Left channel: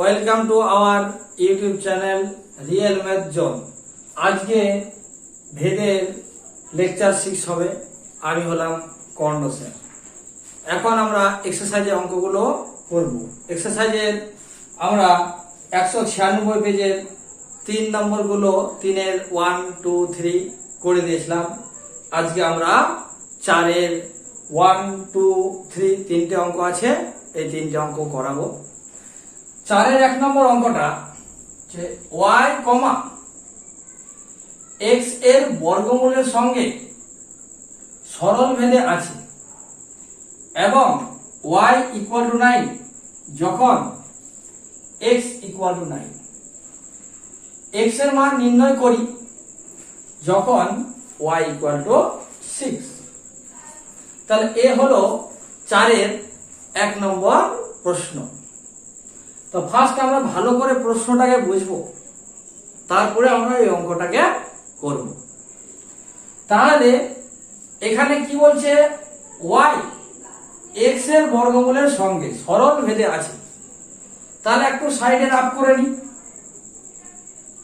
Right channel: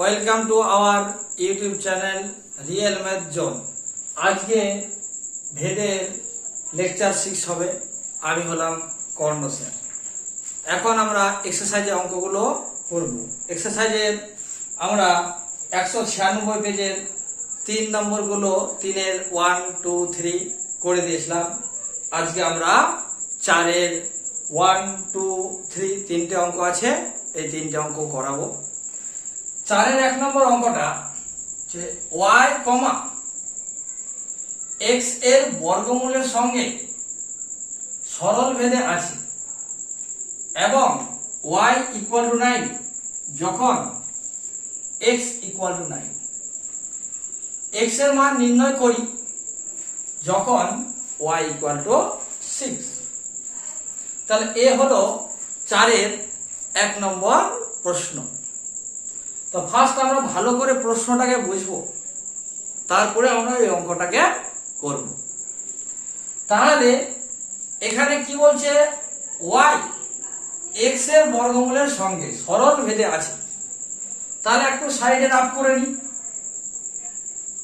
Welcome to our YouTube channel real math zone. আজকে ভেদের lecture 6 হবে। আমি হলাম কর্ণ সেন। এখন আমরা এক্সারসাইজের অঙ্কগুলো করব। এক্সারসাইজের আমরা 196 পেজের 3 নম্বরগুলো 3-এর 1, 2, 3 করে দিয়েছিলাম। আজকে আমরা 4-এর 1, 2, 3 তিনটে অঙ্ক আছে, এই তিনটে অঙ্ক করাবো। 4-এর 1 নম্বর অঙ্কটা যে y, x এর বর্গমূলের সঙ্গে সরল ভেদে আছে এবং y = 9 যখন x = 9। x এর মান নির্ণয় করি যখন y = 6। তাহলে এ হলো 4-এর 1 নম্বর প্রশ্ন। তো ফার্স্ট আমরা ভালো করে প্রশ্নটাকে বুঝবো, তারপরে আমরা এই অঙ্কটাকে করব। তাহলে এখানে কি বলছে, y x এর বর্গমূলের সঙ্গে সরল ভেদে আছে। তাহলে একটু সাইডে রাফ করে নি,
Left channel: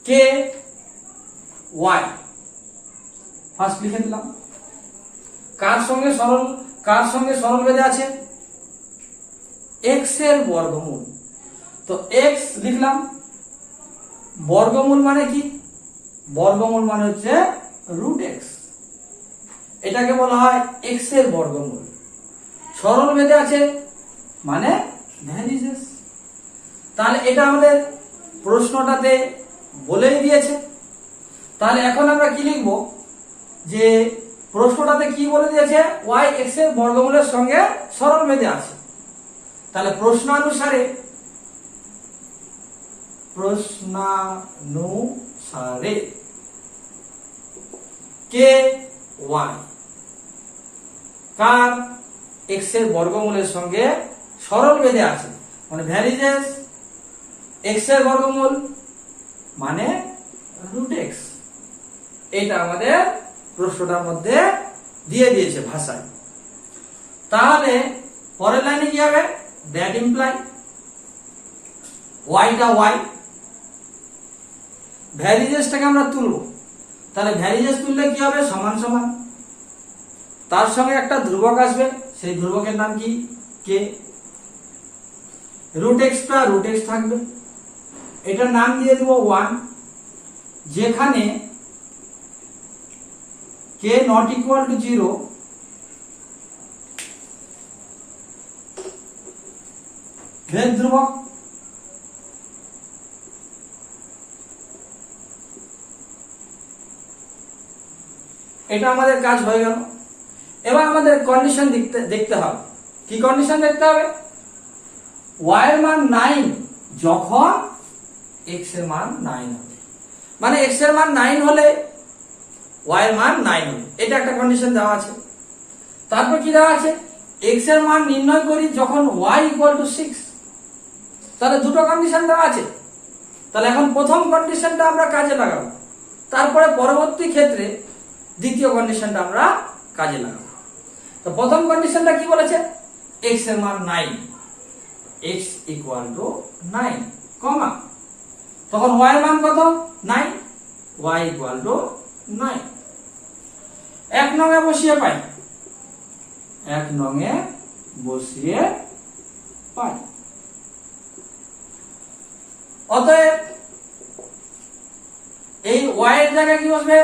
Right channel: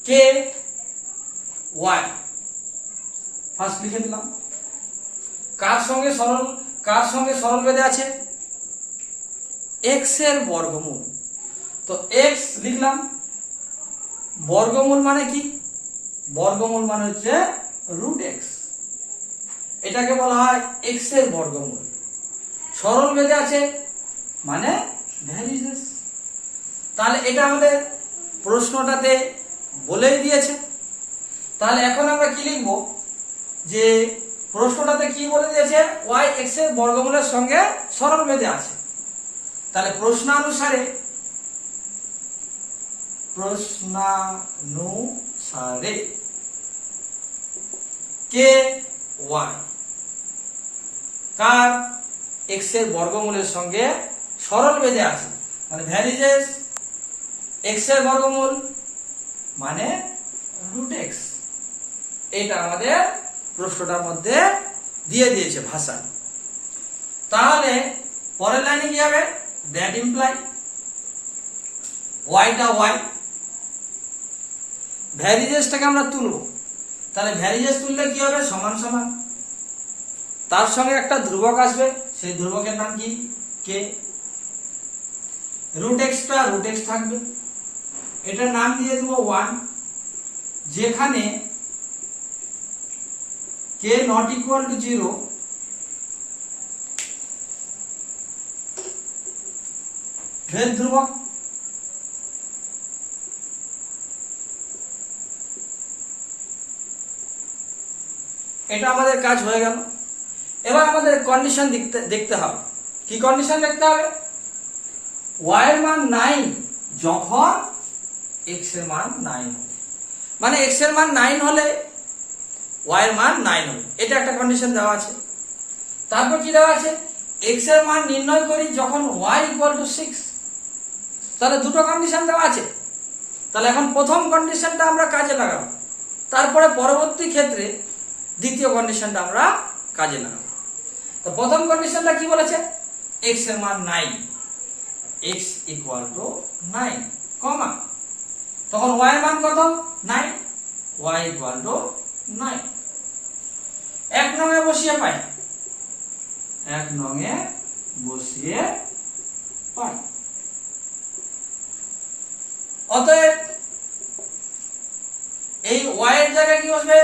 k y ফার্স্ট লিখে দিলাম। কার সঙ্গে সরল ভেদে আছে? x এর বর্গমূল। তো x লিখলাম। বর্গমূল মানে কি? বর্গমূল মানে হচ্ছে √x। এটাকে বলা হয় x এর বর্গমূল। সরল ভেদে আছে মানে ভ্যারিজেস। তাহলে এটা আমাদের প্রশ্নটাতে বলেই দিয়েছে। তাহলে এখন আমরা কি লিখব, যে প্রশ্নটাতে কি বলে দিয়েছে, y x এর বর্গমূলের সঙ্গে সরল ভেদে আছে। তাহলে প্রশ্নানুসারে কে y কার x এর বর্গমূলের সঙ্গে সরল ভেদে আছে, মানে ভ্যারিজেস x এর বর্গমূল মানে √x। এটা আমাদের প্রশ্নটার মধ্যে দিয়ে দিয়েছে ভাষায়। তাহলে পরের লাইনে কি হবে, দ্যাট ইমপ্লাই yটা y, ভ্যারিজেসটাকে আমরা তুলব। তাহলে ভ্যারিজেস তুললে কি হবে, সমান সমান, তার সঙ্গে একটা ধ্রুবক আসবে, সেই ধ্রুবকের নাম কি, k। √x টা √x থাকবে, এটার নাম দিয়ে দেব 1। যেখানে k ≠ 0 ভেদ ধ্রুবক। এটা আমাদের কাজ হয়ে গেল। এবার আমাদের কন্ডিশন দেখতে হবে। কি কন্ডিশন দেখতে হবে, y এর মান 9 যখন x এর মান 9 হবে, মানে x এর মান 9 হলে y এর মান 9 হবে, এটা একটা কন্ডিশন দেওয়া আছে। তারপর কি দেওয়া আছে, x এর মান নির্ণয় করি যখন y = 6। তাহলে দুটো কন্ডিশন দেওয়া আছে। তাহলে এখন প্রথম কন্ডিশনটা আমরা কাজে লাগাবো, তারপরে পরবর্তী ক্ষেত্রে দ্বিতীয় কন্ডিশনটা আমরা কাজে লাগাবো। তো প্রথম কন্ডিশনটা কি বলেছে, x এর মান 9, x = 9, কমা, তখন y এর মান কত, 9, y = 9। 1 নংয়ে বসিয়ে পাই, 1 নংয়ে বসিয়ে পাই। অতএব এই y এর জায়গায় কি বসবে,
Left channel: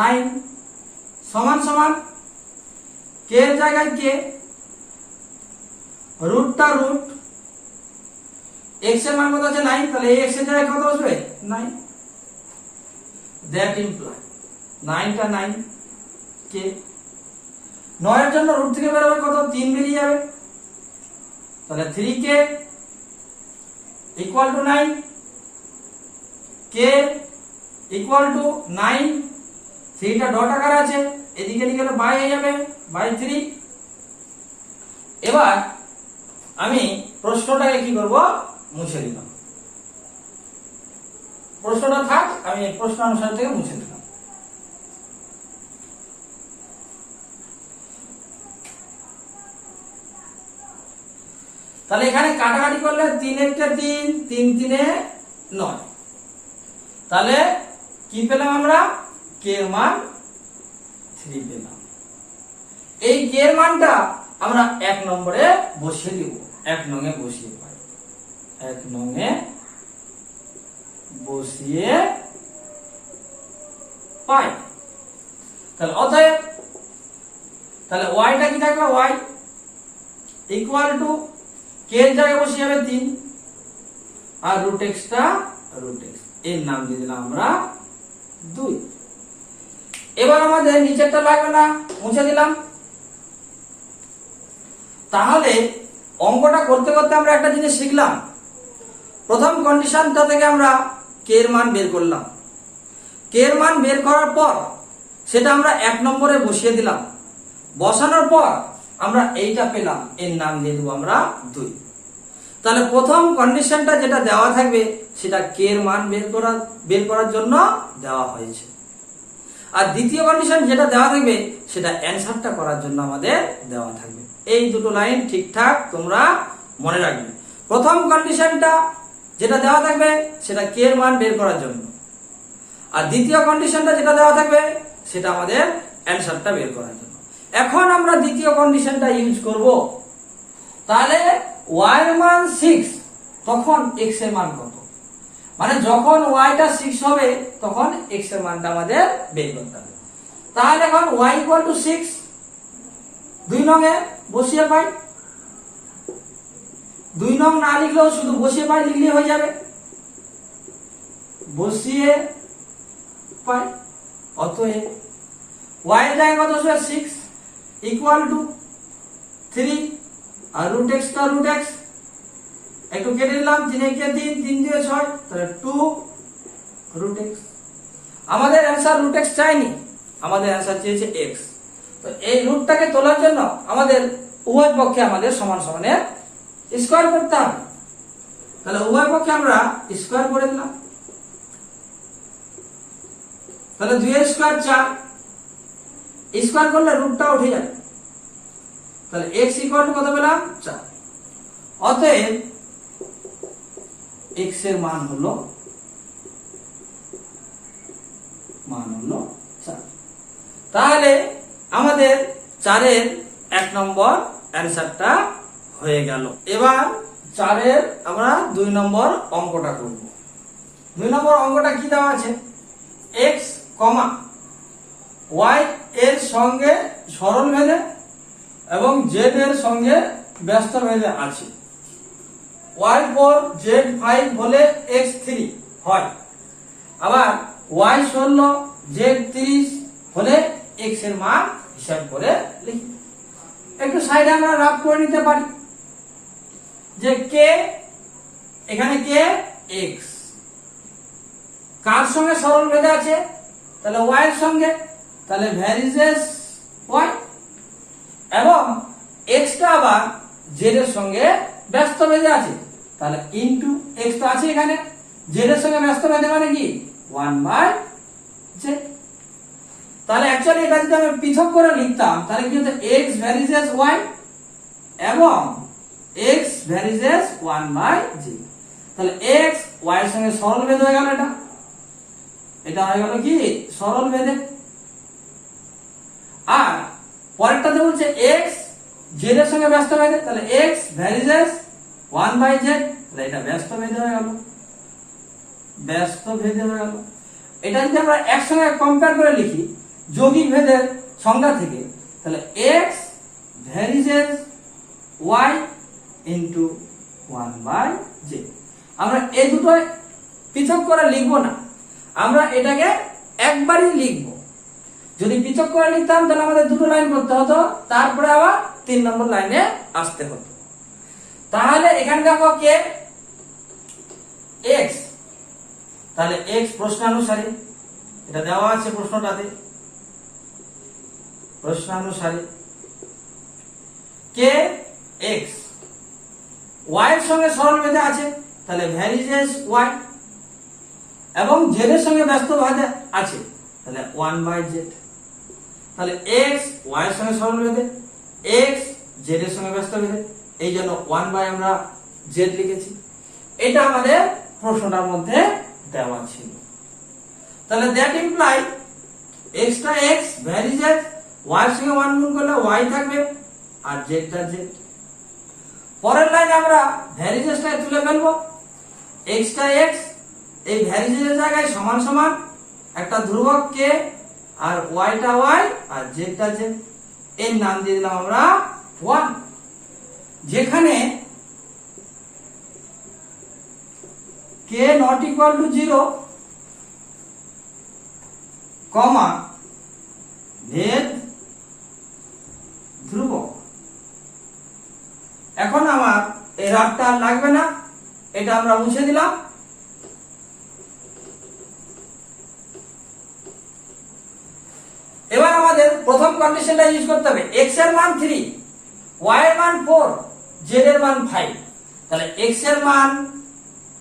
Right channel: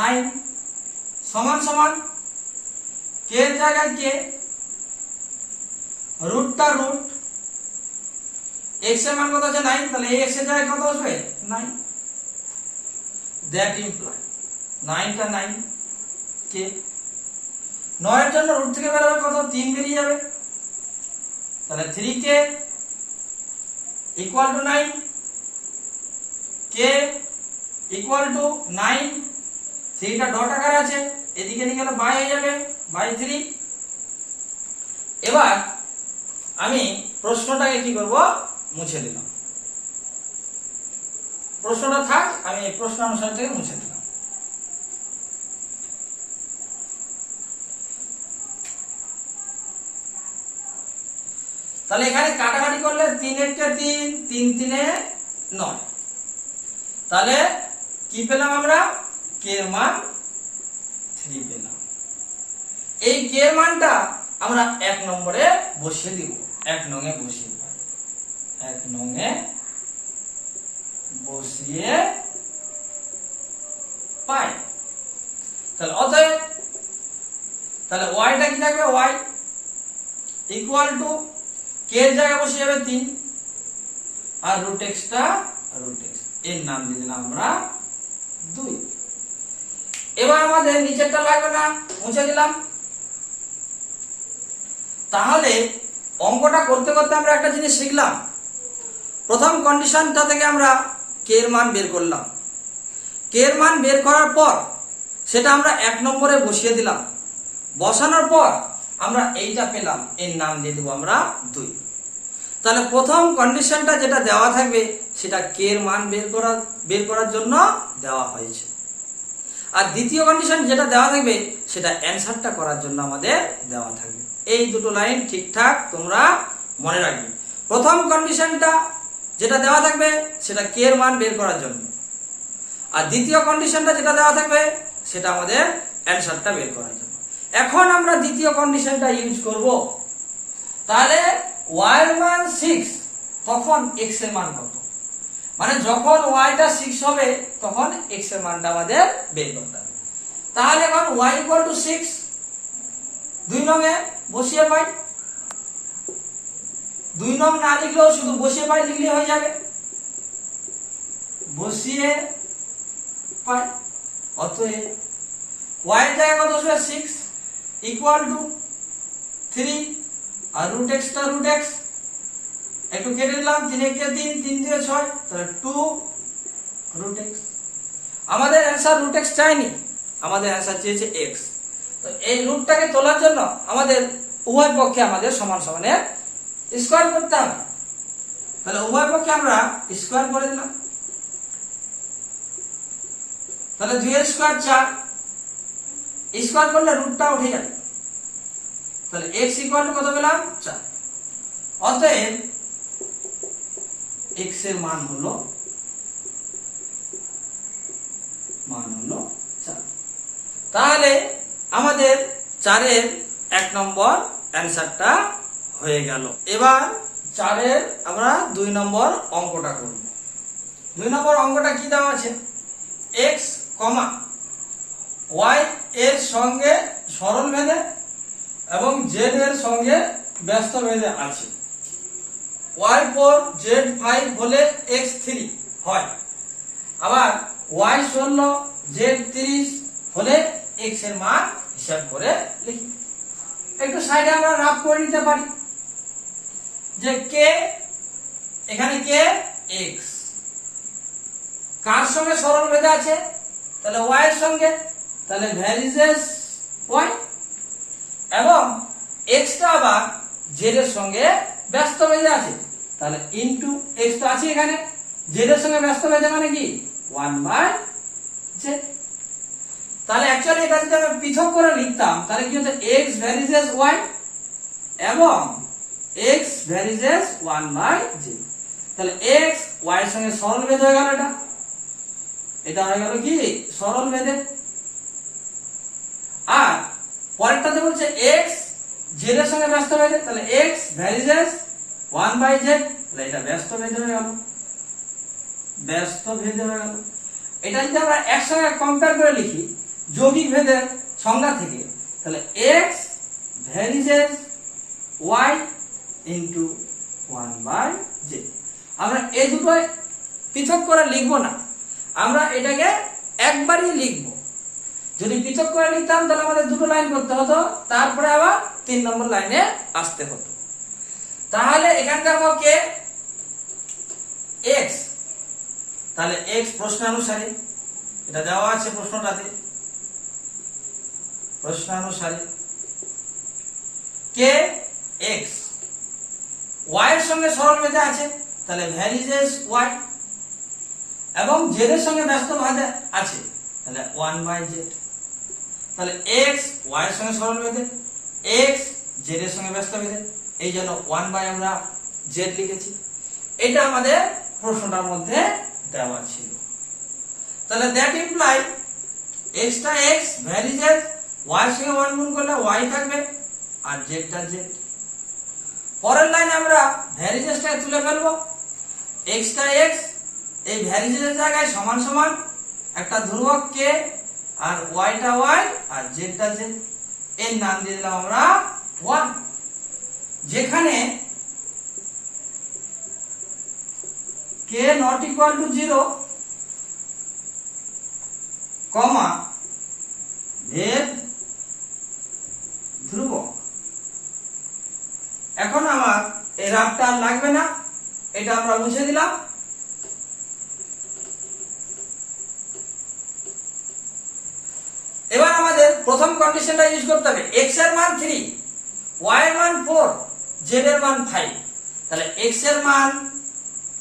9 সমান সমান k এর জায়গায় k, রুটটা রুট, x এর মান কত আছে, 9, তাহলে x এর জায়গায় কত বসবে, 9। দ্যাট ইমপ্লাই 9 টা 9, k 9 এর জন্য রুট থেকে বের হবে কত, 3 বেরিয়ে যাবে। তাহলে 3k = 9, k = 9, 3 টা ডট আকারে আছে, এদিকে নিয়ে গেলে বাই হয়ে যাবে, বাই 3। এবার আমি প্রশ্নটাকে কি করব, মুছে দিলাম। প্রশ্নটা থাক, আমি প্রশ্ন অনুসারে থেকে মুছে দিলাম। তাহলে এখানে কাটাকাটি করলে 3 একে 3, 3 3 9। তাহলে কি পেলাম আমরা? কে এর মান 3 পেলাম। এই কে এর মানটা আমরা 1 নম্বরে বসিয়ে দিব। 1 নঙে বসিয়ে পাই, 1 নঙে বসিয়ে পাই। তাহলে অতএব তাহলে ওয়াইটা কি থাকবে? ওয়াই ইকুয়াল টু কে এর জায়গায় বসে যাবে 3 আর রুট এক্সটা রুট এক্স, এর নাম দিয়ে দিলাম আমরা 2। এবার আমাদের নিচেরটা লাগবে না, মুছে দিলাম। তাহলে অঙ্কটা করতে করতে আমরা একটা জিনিস শিখলাম। প্রথম কন্ডিশনটা থেকে আমরা কে এর মান বের করলাম। কে এর মান বের করার পর সেটা আমরা 1 নম্বরে বসিয়ে দিলাম। বসানোর পর আমরা এইটা পেলাম, এর নাম দিয়ে দেবো আমরা 2। তাহলে প্রথম কন্ডিশনটা যেটা দেওয়া থাকবে সেটা কে এর মান বের করার জন্য দেওয়া হয়েছে, আর দ্বিতীয় কন্ডিশন যেটা দেওয়া থাকবে সেটা অ্যানসারটা করার জন্য আমাদের দেওয়া থাকবে। এই দুটো লাইন ঠিকঠাক তোমরা মনে রাখবে। প্রথম কন্ডিশনটা যেটা দেওয়া থাকবে সেটা কে এর মান বের করার জন্য, আর দ্বিতীয় কন্ডিশনটা যেটা দেওয়া থাকবে সেটা আমাদের অ্যানসারটা বের করার জন্য। এখন আমরা দ্বিতীয় কন্ডিশনটা ইউজ করব। তাহলে y এর মান 6, তখন x এর মান কত? মানে যখন y টা 6 হবে তখন x এর মানটা আমাদের বের করতে হবে। তাহলে এখন y = 6, 2 নঙে বসিয়ে পাই। 2 নং না লিখলেও শুধু বসিয়ে পাই লিখলে হয়ে যাবে। বসিয়ে পাই। অতএব y এর জায়গায় কত আসবে? 6 ইকুয়াল টু 3 আর রুট এক্সটা রুট এক্স, একটু কেটে দিলাম। 3 একে 3, 3 দিয়ে 6, তাহলে 2 রুট এক্স। আমাদের অ্যানসার রুট এক্স চাইনি, আমাদের অ্যানসার চেয়েছে এক্স। তো এই রুটটাকে তোলার জন্য আমাদের উভয় পক্ষে আমাদের সমান সমানের স্কয়ার করতে হবে। তাহলে উভয় পক্ষে আমরা স্কয়ার করে দিলাম। তাহলে 2 এর স্কয়ার 4, স্কয়ার করলে রুটটা উঠে যাবে। তাহলে x ইকুয়াল টু কত পেলাম? 4। অতএব x এর মান হলো 4। তাহলে আমাদের 4 এর 1 নম্বর অ্যানসারটা হয়ে গেল। এবার 4 এর আমরা 2 নম্বর অঙ্কটা করব। 2 নম্বর অঙ্কটা কি দেওয়া আছে? x, y এর সঙ্গে সরল ভেদে এবং z এর সঙ্গে ব্যস্ত ভেদে আছে। y4 z5 হলে x3 হয়, আবার y16 z30 হলে x এর মান হিসাব করে লিখি। একটু সাইডে আমরা রাফ করে নিতে পারি যে k, এখানে k x কার সঙ্গে সরল ভেদে আছে? তাহলে y এর সঙ্গে, তাহলে ভ্যারিজেস y, এবং x টা আবার z এর সঙ্গে ব্যস্ত ভেদে আছে, তাহলে ইনটু x তো আছে এখানে, z এর সঙ্গে ব্যস্ত ভেদে মানে কি 1/z। তাহলে অ্যাকচুয়ালি এটা যদি আমরা পৃথক করে লিখতাম তাহলে কি হতো? x ভ্যারিজেস y এবং x ভ্যারিজেস 1/z। তাহলে x y এর সঙ্গে সরল ভেদ হয়ে গেল, এটা হয়ে গেল কি সরল ভেদে। আর পরেরটাতে বলছে x z এর সঙ্গে ব্যস্ত ভেদে, তাহলে x ভ্যারিজেস 1/z, তাহলে এটা ব্যস্ত ভেদে হয়ে গেল, ব্যস্ত ভেদে হয়ে গেল। এটা যদি আমরা একসঙ্গে কম্পেয়ার করে লিখি যৌগিক ভেদের সংজ্ঞা থেকে, তাহলে x varies as y into 1/z। আমরা এই দুটো পৃথক করে লিখবো না, আমরা এটাকে একবারই লিখবো। যদি পৃথক করে লিখতাম তাহলে আমাদের দুটো লাইন করতে হতো, তারপরে আবার 3 নম্বর লাইনে আসতে হতো। তাহলে এখানে দেখো কে x, তাহলে x প্রশ্নানুসারে এটা দেওয়া আছে প্রশ্নটাতে, প্রশ্নানুসারে কে x y এর সঙ্গে সরল ভেদে আছে, তাহলে ভ্যারিজেস y, এবং z এর সঙ্গে ব্যস্ত ভেদে আছে, তাহলে 1/z। তাহলে x y এর সঙ্গে সরল ভেদে, x z এর সঙ্গে ব্যস্ত ভেদে, এই জন্য 1 আমরা z লিখেছি। এটা আমাদের প্রশ্নটার মধ্যে দেওয়া ছিল। তাহলে দ্যাট ইমপ্লাই x টা x ভ্যারি z, y এর সঙ্গে 1 গুণ করলে y থাকবে আর z টা z। পরের লাইনে আমরা ভ্যারিজেসটা তুলে ফেলবো। x টা x এই ভ্যারিজেসের জায়গায় সমান সমান একটা ধ্রুবক k আর y টা y আর z টা z, এর নাম দিয়ে দিলাম আমরা 1। যেখানে k not equal to 0 কমা ভেদ ধ্রুবক। এখন আমার এই রাফটা আর লাগবে না, এটা আমরা মুছে দিলাম। এবার আমাদের প্রথম কন্ডিশনটা ইউজ করতে হবে। x এর মান 3, y এর মান 4, z এর মান 5। তাহলে x এর মান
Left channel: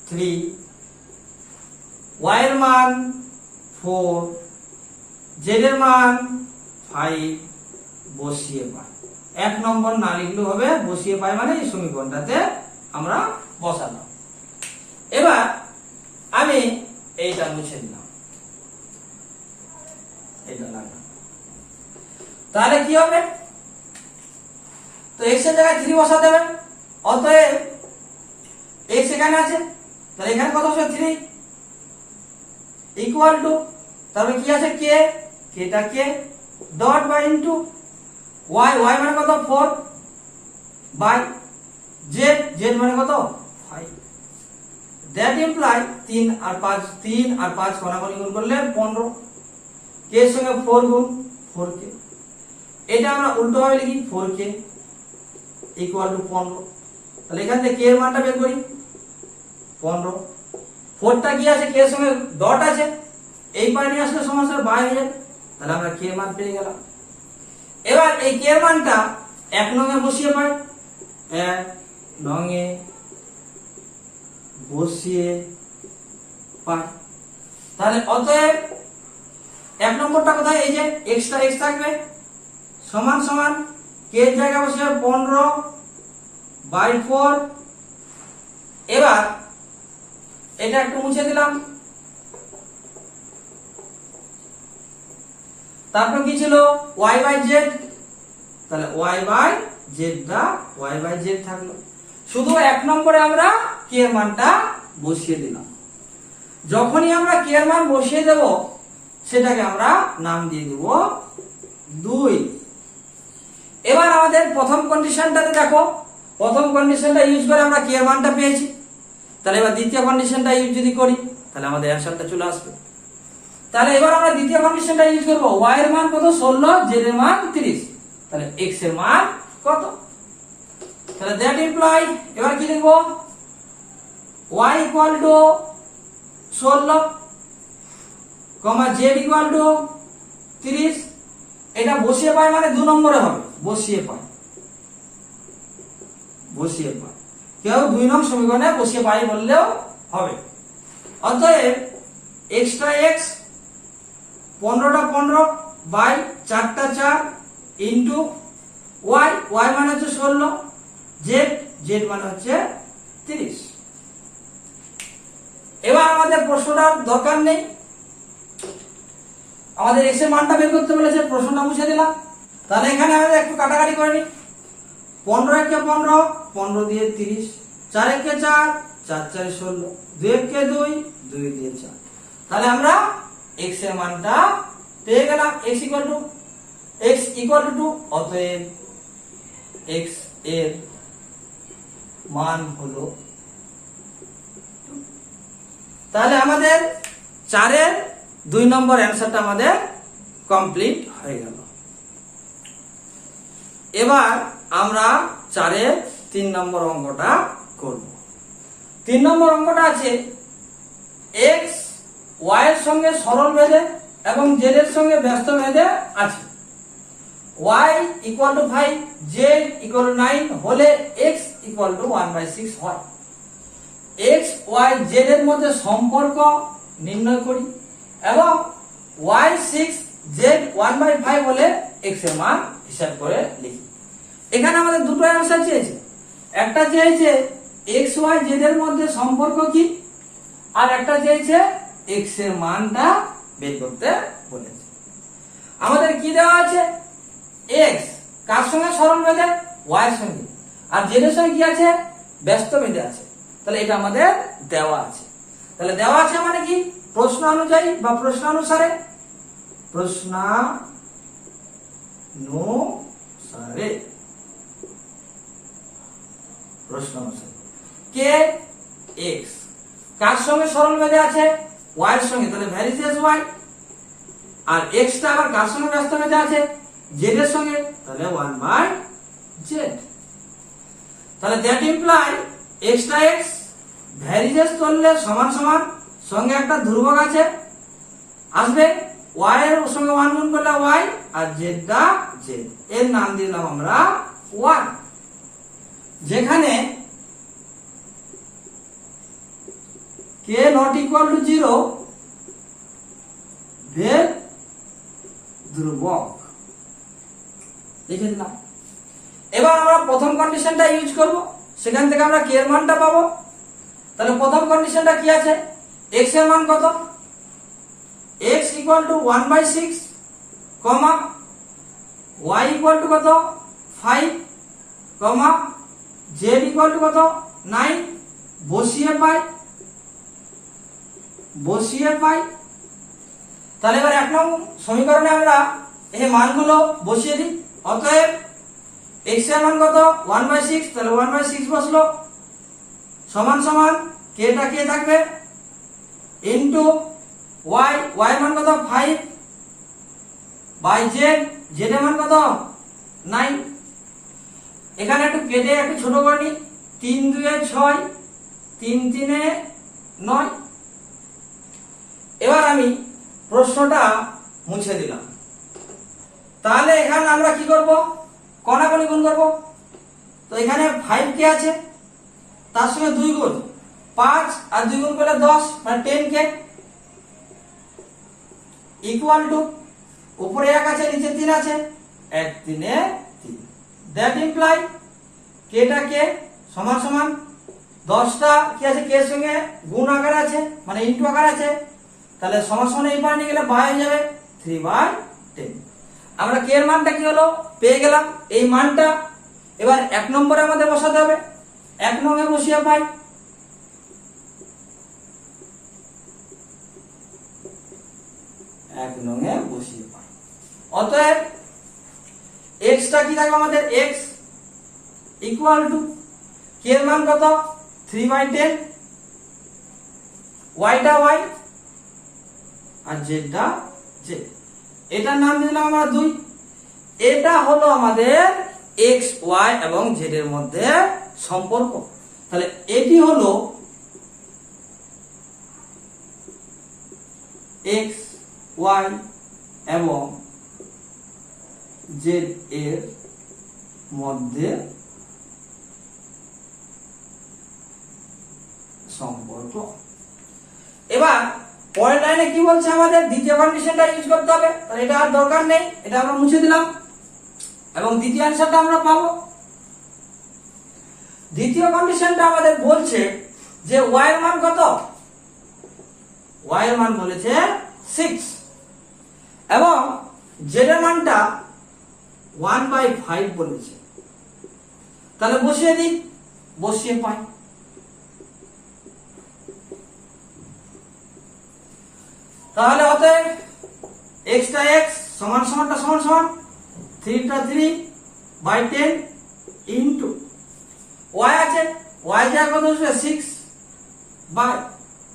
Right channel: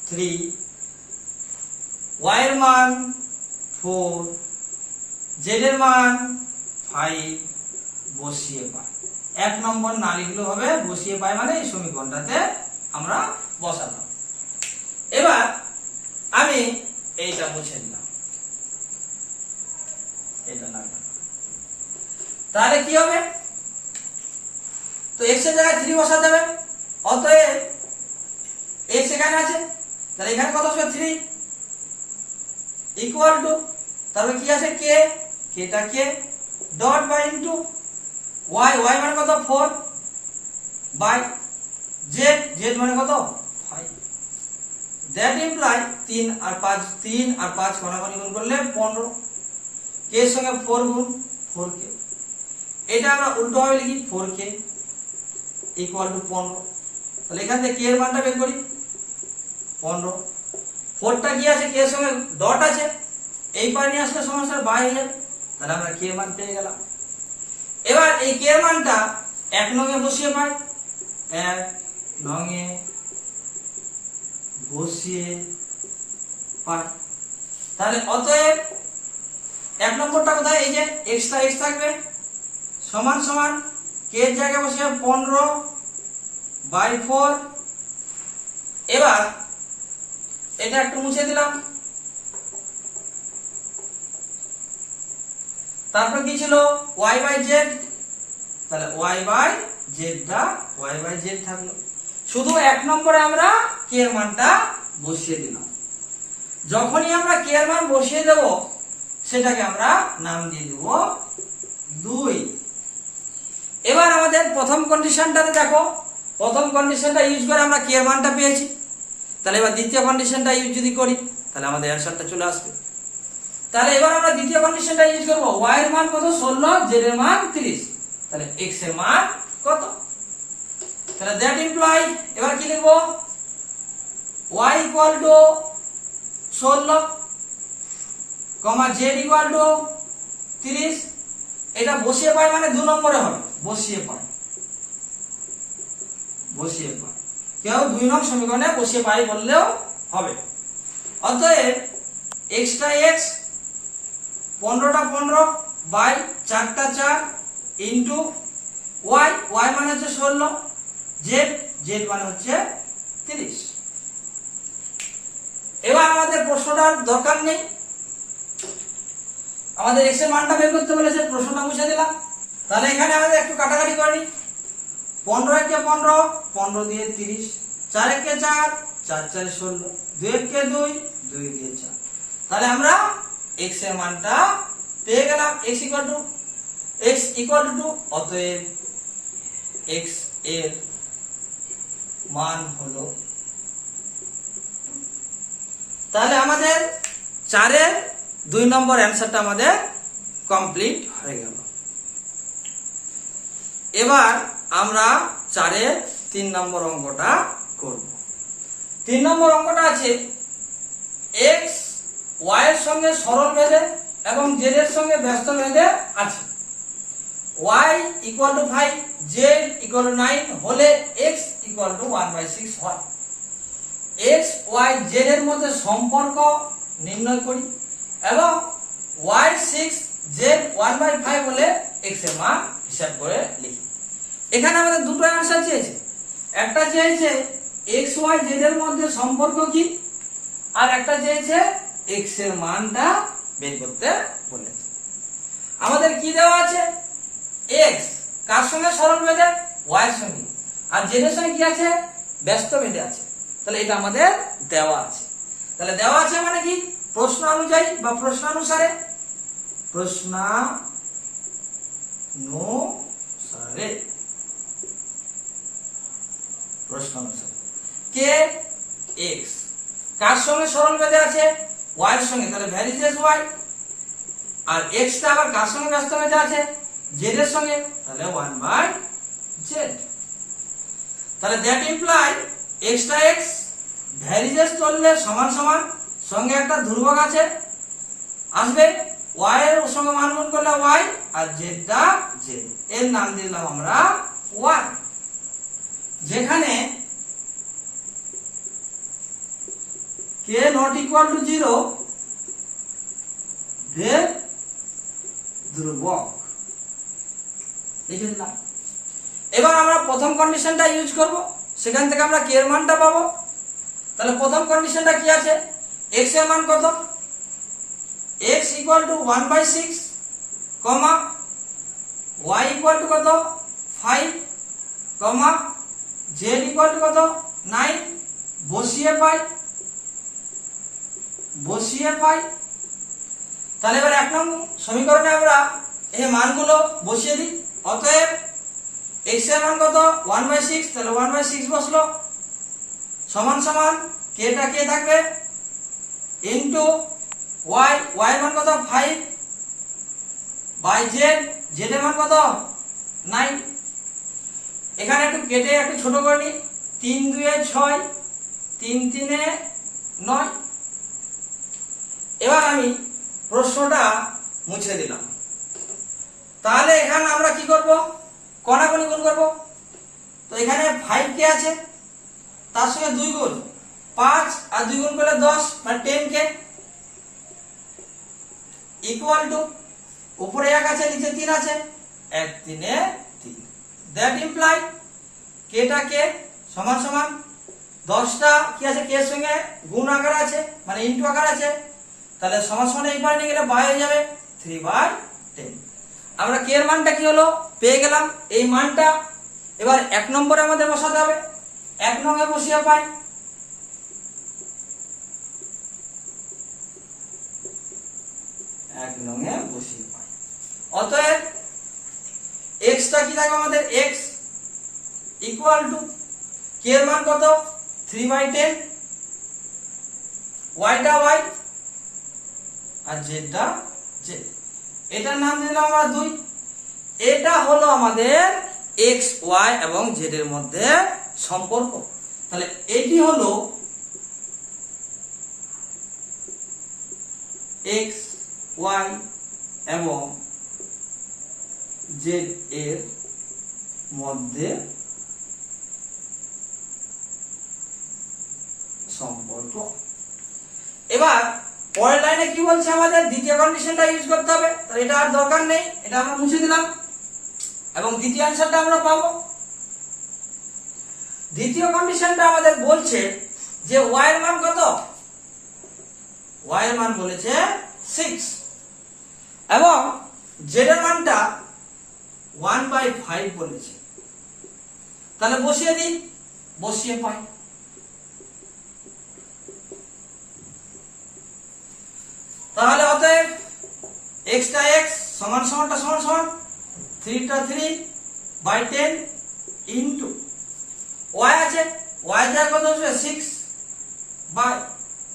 3, y এর মান 4, z এর মান 5 বসিয়ে পাই। 1 নম্বর না লিখলেও হবে, বসিয়ে পাই মানে এই সমীকরণটাতে আমরা বসালাম। এবার আমি এইটা মুছে দিলাম, এটা লাগবে। তাহলে কি হবে? তো x এর জায়গায় 3 বসাতে হবে। অতএব x এখানে আছে, তাহলে এখানে কত হবে? 3 ইকুয়াল টু, তাহলে কি আছে? k, k টা k dot by into y, y মানে কত? 4 বাই z, z মানে কত? 5। দ্যাট ইমপ্লাই 3 আর 5 কোনাকুনি গুণ করলে 15, k এর সঙ্গে 4 গুণ 4k। এটা আমরা উল্টো ভাবে লিখি 4k ইকুয়াল টু 15। তাহলে এখান থেকে k এর মানটা বের করি 15। 4 টা কি আছে? k এর সঙ্গে ডট আছে, এই পাশে নিয়ে আসলে সমস্যা বাই হয়ে যাবে। তাহলে আমরা k এর মান পেয়ে গেলাম। এবার এই k এর মানটা 1 নং এ বসিয়ে পাই, 1 নং এ বসিয়ে পাই। তাহলে অতএব 1 নম্বরটা কোথায়? এই যে x টা x থাকবে সমান সমান k এর জায়গায় বসে 15 বাই 4। এবার এটা একটু মুছে দিলাম। তারপর কি ছিল? y বাই z, তাহলে y বাই z টা y বাই z থাকলো। শুধু 1 নম্বরে আমরা k এর মানটা বসিয়ে দিলাম। যখনই আমরা k এর মান বসিয়ে দেব সেটাকে আমরা নাম দিয়ে দেব 2। এবার আমাদের প্রথম কন্ডিশনটাতে দেখো, প্রথম কন্ডিশনটা ইউজ করে আমরা k এর মানটা পেয়েছি। তাহলে এবার দ্বিতীয় কন্ডিশনটা ইউজ যদি করি তাহলে আমাদের অ্যানসারটা চলে আসবে। তাহলে এবার আমরা দ্বিতীয় কন্ডিশনটা ইউজ করব। y এর মান কত? 16, z এর মান 30। তাহলে x এর মান কত? তাহলে দ্যাট ইমপ্লাই, এবার কি লিখব? y equal to 16 comma z equal to 30। এটা বসিয়ে পাই মানে 2 নম্বরে হবে, বসিয়ে পাই কেউ 2 নং সমীকরণে বসিয়ে পাই বললেও হবে। অতএব x টা x, 15 টা 15 বাই 4 টা 4 ইনটু y, y মানে হচ্ছে 16, z মানে হচ্ছে 30। এবার আমাদের প্রশ্নটার দরকার নেই, আমাদের x এর মানটা বের করতে বলেছে, প্রশ্নটা মুছে দিলাম। তাহলে এখানে আমাদের একটু কাটাকাটি করে নিই। 15 একে 15, 15 দিয়ে 30, 4 একে 4, 4 4 16, 2 একে 2, 2 দিয়ে 4। তাহলে আমরা x এর মানটা পেয়ে গেলাম। x equal to 2। অতএব x এর মান হলো, তাহলে আমাদের 4 এর 2 নম্বর অ্যানসারটা আমাদের কমপ্লিট হয়ে গেল। এবার আমরা 4 এর 3 নম্বর অঙ্কটা করব। 3 নম্বর অঙ্কটা আছে x y এর সঙ্গে সরল ভেদে এবং z এর সঙ্গে ব্যস্ত ভেদে আছে। y equal to 5, z equal to 9 হলে x ইকুয়াল টু 1/6 হয়। x y z এর মধ্যে সম্পর্ক নির্ণয় করি এবং y 6 z 1/5 হলে x এর মান হিসাব করে লিখি। এখানে আমাদের দুটো অ্যানসার চেয়েছে, একটা চেয়েছে এক্স ওয়াই জেড এর মধ্যে সম্পর্ক কি, আর একটা চেয়েছে এক্স এর মানটা বের করতে বলেছে। আমাদের কি দেওয়া আছে, এক্স কার সঙ্গে সরল বেঁধে, ওয়াই এর সঙ্গে, আর জেড এর সঙ্গে কি আছে, ব্যস্ত বেঁধে আছে। তাহলে এটা আমাদের দেওয়া আছে। তাহলে দেওয়া আছে মানে কি, প্রশ্ন অনুযায়ী বা প্রশ্নানুসারে, প্রশ্নানুসারে কে এক্স কার সঙ্গে সরল বেঁধে আছে, ওয়াই এর সঙ্গে, তাহলে ভ্যারিজেস ওয়াই। আর এক্স টা আবার কার সঙ্গে ব্যস্ত বেঁধে আছে, জেড এর সঙ্গে, তাহলে 1/z। তাহলে দ্যাট ইমপ্লাই এক্স টা এক্স ভ্যারিজেস করলে সমান সমান, সঙ্গে একটা ধ্রুবক আছে আসবে, ওয়াই এর সঙ্গে 1 গুণ করলে ওয়াই, আর জেড টা জেড, এর নাম দিলাম আমরা 1। যেখানে কে নট ইকুয়াল টু 0 ভেদ ধ্রুবক লিখে দিলাম। এবার আমরা প্রথম কন্ডিশনটা ইউজ করব, সেখান থেকে আমরা কে এর মানটা পাবো। তাহলে প্রথম কন্ডিশনটা কি আছে, x এর মান কত, x equal to 1/6 comma y equal to কত 5 কমা z ইকুয়াল টু কত 9, বসিয়ে পাই। তাহলে এবার এক নম্বর সমীকরণে আমরা এই মানগুলো বসিয়ে দিই। অতএব x এর মান কত 1/6, তাহলে 1/6 বসলো, সমান সমান কে টা কে থাকবে ইনটু y, y এর মান কত 5 বাই z, z এর মান কত 9। এখানে একটু কেটে একটু ছোট করে নিই, 3 2 এ 6, 3 3 এ 9। এবার আমি প্রশ্নটা মুছে দিলাম। তাহলে এখানে আমরা কি করব, কণাকণি গুণ করব। তো এখানে 5 কে আছে, তার সঙ্গে 2 গুণ 5, আর 2 গুণ করলে 10, মানে 10 কে ইকুয়াল টু, উপরে 1 আছে নিচে 3 আছে, 1 3 এ 3। দ্যাট ইমপ্লাই কে টা কে সমান সমান 10টা কি আছে, কে এর সঙ্গে গুণ আকার আছে, মানে ইনটু আকার আছে, তাহলে সমান সমান এই পারে নিয়ে গেলে বাই হয়ে যাবে 3/10। আমরা কে এর মানটা কি হলো পেয়ে গেলাম, এই মানটা এবার 1 নম্বরে আমাদের বসাতে হবে। 1 নং এ বসিয়ে পাই, অতএব x টা কি থাকবে আমাদের, x ইকুয়াল টু কে এর মান কত 3/10, y টা y, আর z টা z। এটার নাম দিলাম আমরা 2। এটা হলো আমাদের x y এবং z এর মধ্যে সম্পর্ক। তাহলে এটি হলো x y এবং z এর মধ্যে সম্পর্ক। এবার পরের লাইনে কি বলছে, আমাদের দ্বিতীয় কন্ডিশনটা ইউজ করতে হবে। তাহলে এটা আর দরকার নেই, এটা আমরা মুছে দিলাম এবং দ্বিতীয় অ্যানসারটা আমরা পাবো। দ্বিতীয় কন্ডিশনটা আমাদের বলছে যে y এর মান কত, y এর মান বলেছে 6 এবং z এর মানটা 1/5 বলেছে। তাহলে বসিয়ে দিই, বসিয়ে পাই। তাহলে অতএব x টা x সমান সমানটা সমান সমান 3 টা 3/10 ইনটু y আছে, y যা কত হচ্ছে 6 বাই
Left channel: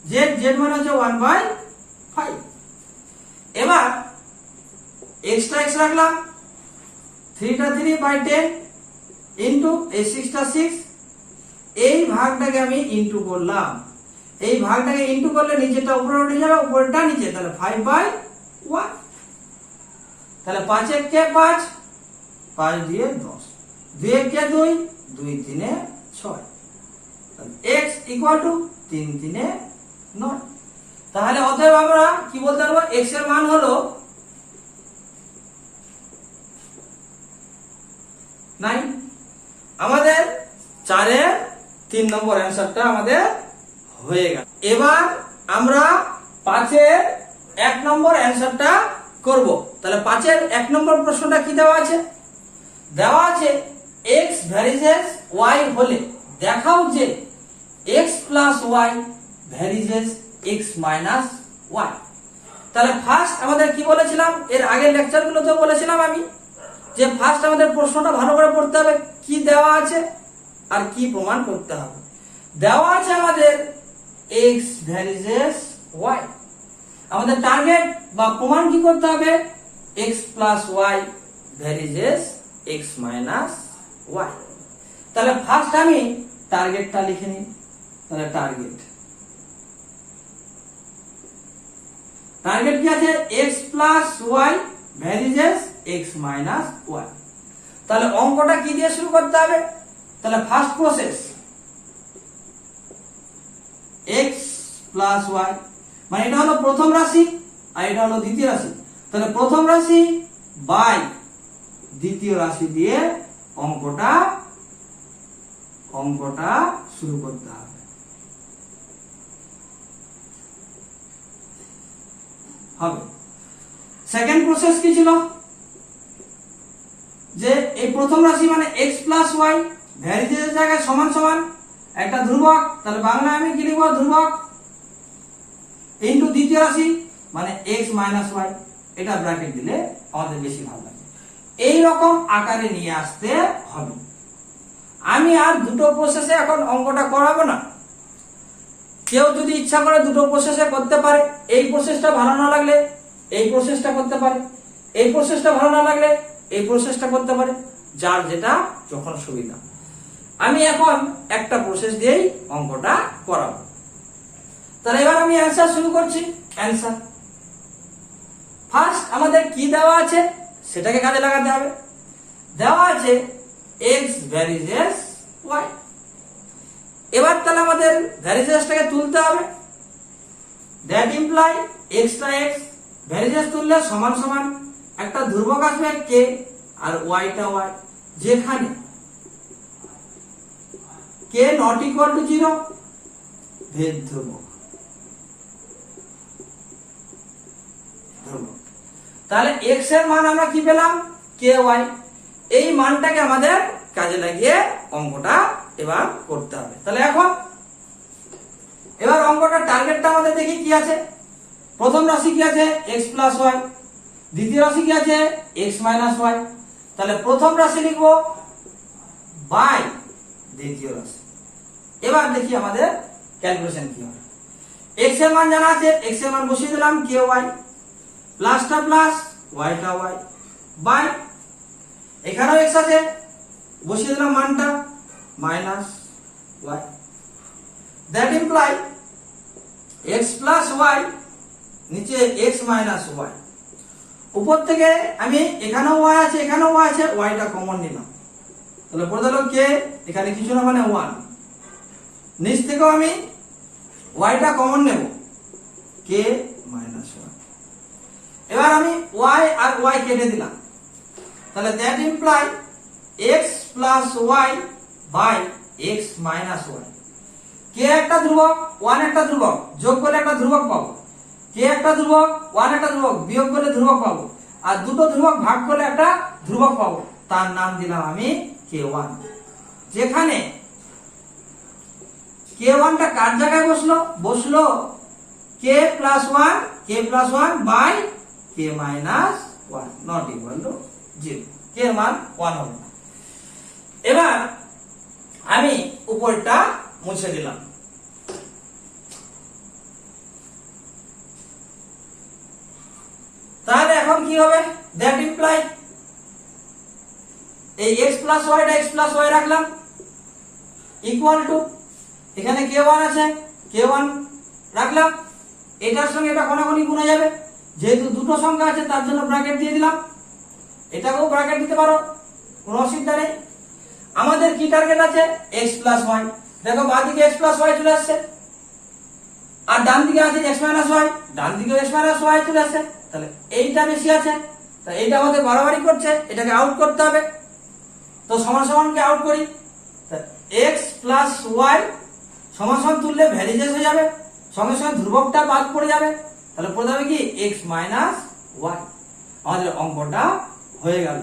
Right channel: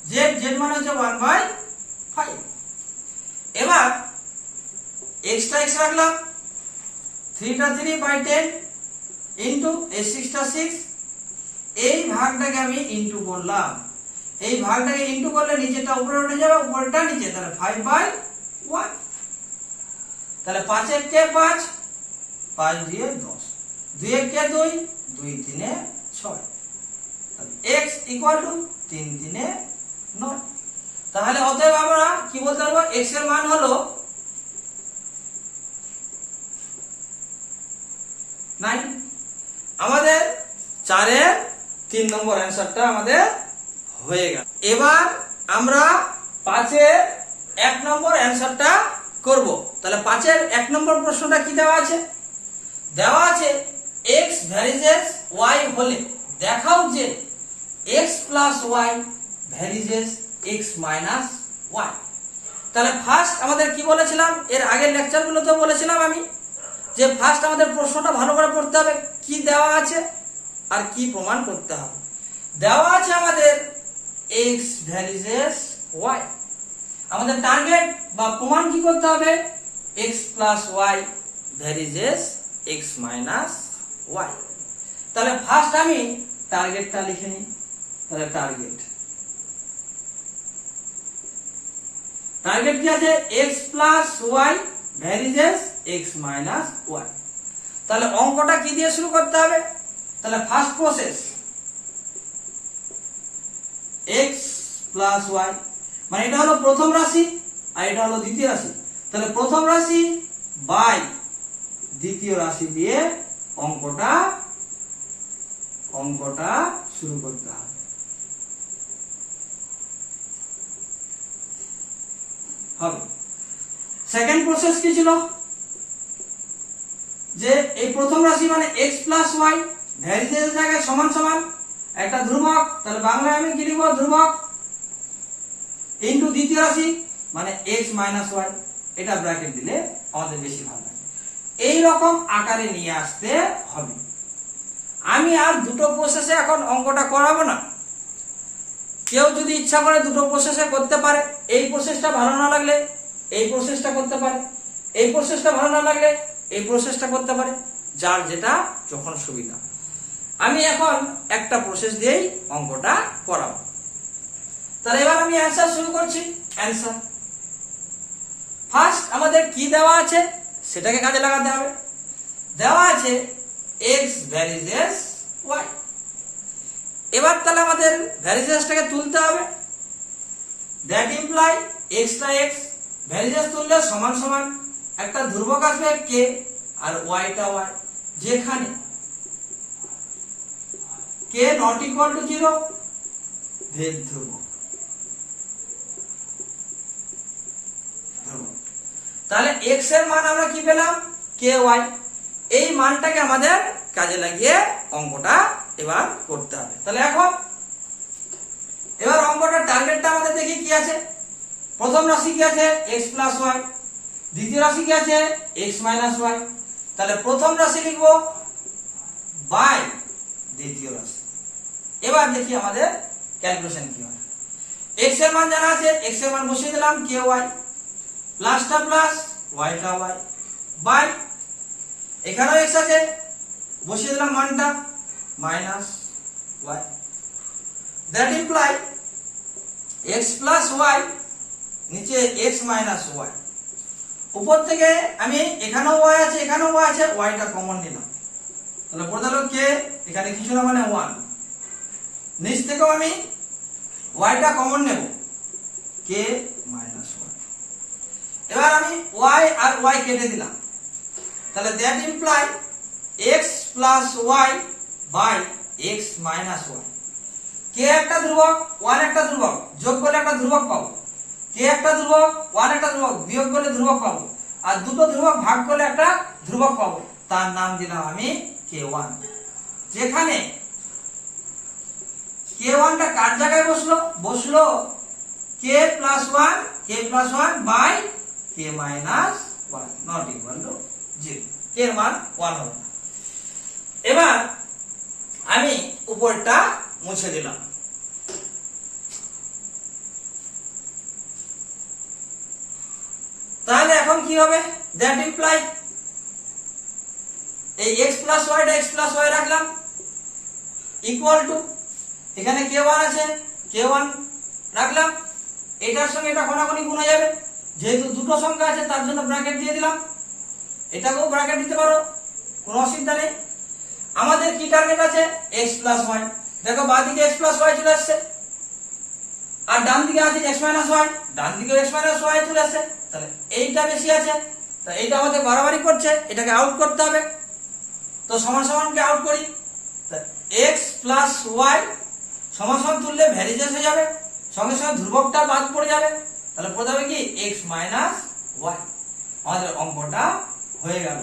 z, z মানে হচ্ছে 1/5। এবার x টা x রাখলাম, 3 টা 3/10 ইনটু এই 6 টা 6, এই ভাগটাকে আমি ইনটু করলাম। এই ভাগটাকে ইনটু করলে নিচেটা উপরে উঠে যাবে, উপরেরটা নিচে, তাহলে 5/1। তাহলে 5 1 কে 5, 5 দিয়ে 10, 2 1 কে 2, 2 3 এ 6, x ইকুয়াল টু 3 3 এ 9। তাহলে অতএব আমরা কি বলতে পারবো, x এর মান হলো 9। আমাদের 4-এর 3 নম্বর অ্যান্সারটা আমাদের হয়ে গেল। এবার আমরা 5-এর 1 নম্বর অ্যান্সারটা করব। তাহলে 5-এর 1 নম্বর প্রশ্নটা কি দেওয়া আছে? দেওয়া আছে x ভ্যারিজেস y হলে দেখাও যে x plus y varies as x minus y। তাহলে ফার্স্ট আমাদের কি বলেছিলাম, এর আগের লেকচারগুলোতে বলেছিলাম আমি যে ফার্স্ট আমাদের প্রশ্নটা ভালো করে পড়তে হবে, কি দেওয়া আছে আর কি প্রমাণ করতে হবে। দেওয়া আছে আমাদের x ভ্যারিজেস y, আমাদের টার্গেট বা প্রমাণ কি করতে হবে, x plus y varies as x minus y। তাহলে ফার্স্ট আমি টার্গেটটা লিখে নিই। তাহলে টার্গেট কি আছে, x plus y varies as x minus y। তাহলে অঙ্কটা কি দিয়ে শুরু করতে হবে? তাহলে first process x plus y, মানে এটা হলো প্রথম রাশি আর এটা হলো দ্বিতীয় রাশি। তাহলে প্রথম রাশি বাই দ্বিতীয় রাশি দিয়ে অঙ্কটা শুরু করতে হবে। সেকেন্ড প্রসেস কি ছিল, যে এই প্রথম রাশি মানে x প্লাস y ভ্যারিজেস জায়গায় সমান সমান একটা ধ্রুবক, তাহলে বাংলায় আমি কি লিখব, ধ্রুবক ইনটু দ্বিতীয় রাশি মানে x মাইনাস y, এটা ব্র্যাকেট দিলে আমাদের বেশি ভালো লাগে। এই রকম আকারে নিয়ে আসতে হবে। আমি আর দুটো প্রসেসে এখন অঙ্কটা করাবো না। কেউ যদি ইচ্ছা করে দুটো প্রসেসে করতে পারে, এই প্রসেসটা ভালো না লাগলে এই প্রসেসটা করতে পারে, এই প্রসেসটা ভালো না লাগলে এই প্রসেসটা করতে পারে, যার যেটা যখন সুবিধা। আমি এখন একটা প্রসেস দিয়েই অঙ্কটা করাবো। তাহলে এবার আমি অ্যান্সার শুরু করছি। অ্যান্সার ফার্স্ট আমাদের কি দেওয়া আছে সেটাকে কাজে লাগাতে হবে। দেওয়া আছে x ভ্যারিজেস y। এবার তাহলে আমাদের ভ্যারিজেসটাকে তুলতে হবে। দ্যাট ইমপ্লাই x টা x ভ্যারিজেস তুললে সমান সমান একটা ধ্রুবক আসবে k আর y টা y, যেখানে k নট ইকুয়াল টু 0 ভেদ ধ্রুবক। তাহলে x এর মান আমরা কি পেলাম, ky। এই মানটাকে আমাদের কাজে লাগিয়ে অঙ্কটা এবার করতে হবে। তাহলে এবার অঙ্কটার টার্গেটটা আমাদের দেখি কি আছে। প্রথম রাশি কি আছে, x প্লাস y, দ্বিতীয় রাশি কি আছে, x মাইনাস y। তাহলে প্রথম রাশি লিখবো বাই দ্বিতীয় রাশি। এবার দেখি আমাদের ক্যালকুলেশন কি হয়। x এর মান জানা আছে, x এর মান বসিয়ে দিলাম ky, প্লাসটা প্লাস yটা y, বাই এখানেও x আছে, বসিয়ে দিলাম মানটা minus y। That imply x plus y নিচে x মাইনাস y। উপর থেকে আমি এখানেও y আছে, এখানেও y আছে, yটা কমন নিলাম। তাহলে পড়ে গেল k, এখানে কিছু না মানে 1। নিচ থেকেও আমি yটা কমন নেব, k মাইনাস 1। এবার আমি y আর y কেটে দিলাম। তাহলে that imply x plus y by x minus y। k একটা ধ্রুবক, 1 একটা ধ্রুবক, যোগ করলে একটা ধ্রুবক পাবো। k একটা ধ্রুবক, 1 একটা ধ্রুবক, বিয়োগ করলে ধ্রুবক পাবো। আর দুটো ধ্রুবক ভাগ করলে একটা ধ্রুবক পাবো, তার নাম দিলাম আমি k1। যেখানে k1 টা কার জায়গায় বসলো k plus 1 by k minus 1 not equal to 0। k এর মান 1 হবে না। এবার আমি উপরটা মুছে দিলাম। তাহলে এখন কি হবে, দ্যাট ইমপ্লাই এই x প্লাস y টা x প্লাস y রাখলাম ইকুয়াল টু, এখানে k1 আছে, k1 রাখলাম, এটার সঙ্গে এটা কোনাকুনি গুণ হয়ে যাবে। যেহেতু দুটো সংখ্যা আছে তার জন্য ব্র্যাকেট দিয়ে দিলাম, এটাকেও ব্র্যাকেট দিতে পারো, কোনো অসুবিধা নেই। আমাদের কি টার্গেট আছে, x প্লাস y। দেখো বাঁদিকে x প্লাস y চলে আসছে, আর ডান দিকে আছে x মাইনাস y, ডান দিকে x মাইনাস y চলে আসছে। তাহলে এইটা বেশি আছে, তাহলে এইটা আমাদের বাড়াবাড়ি করছে, এটাকে আউট করতে হবে। তো সমান সমানকে আউট করি, এক্স প্লাস ওয়াই সমান সমান তুললে ভ্যারিজেস হয়ে যাবে, সঙ্গে সঙ্গে ধ্রুবকটা বাদ পড়ে যাবে, তাহলে পড়ে যাবে কি এক্স মাইনাস ওয়াই। আমাদের অঙ্কটা হয়ে গেল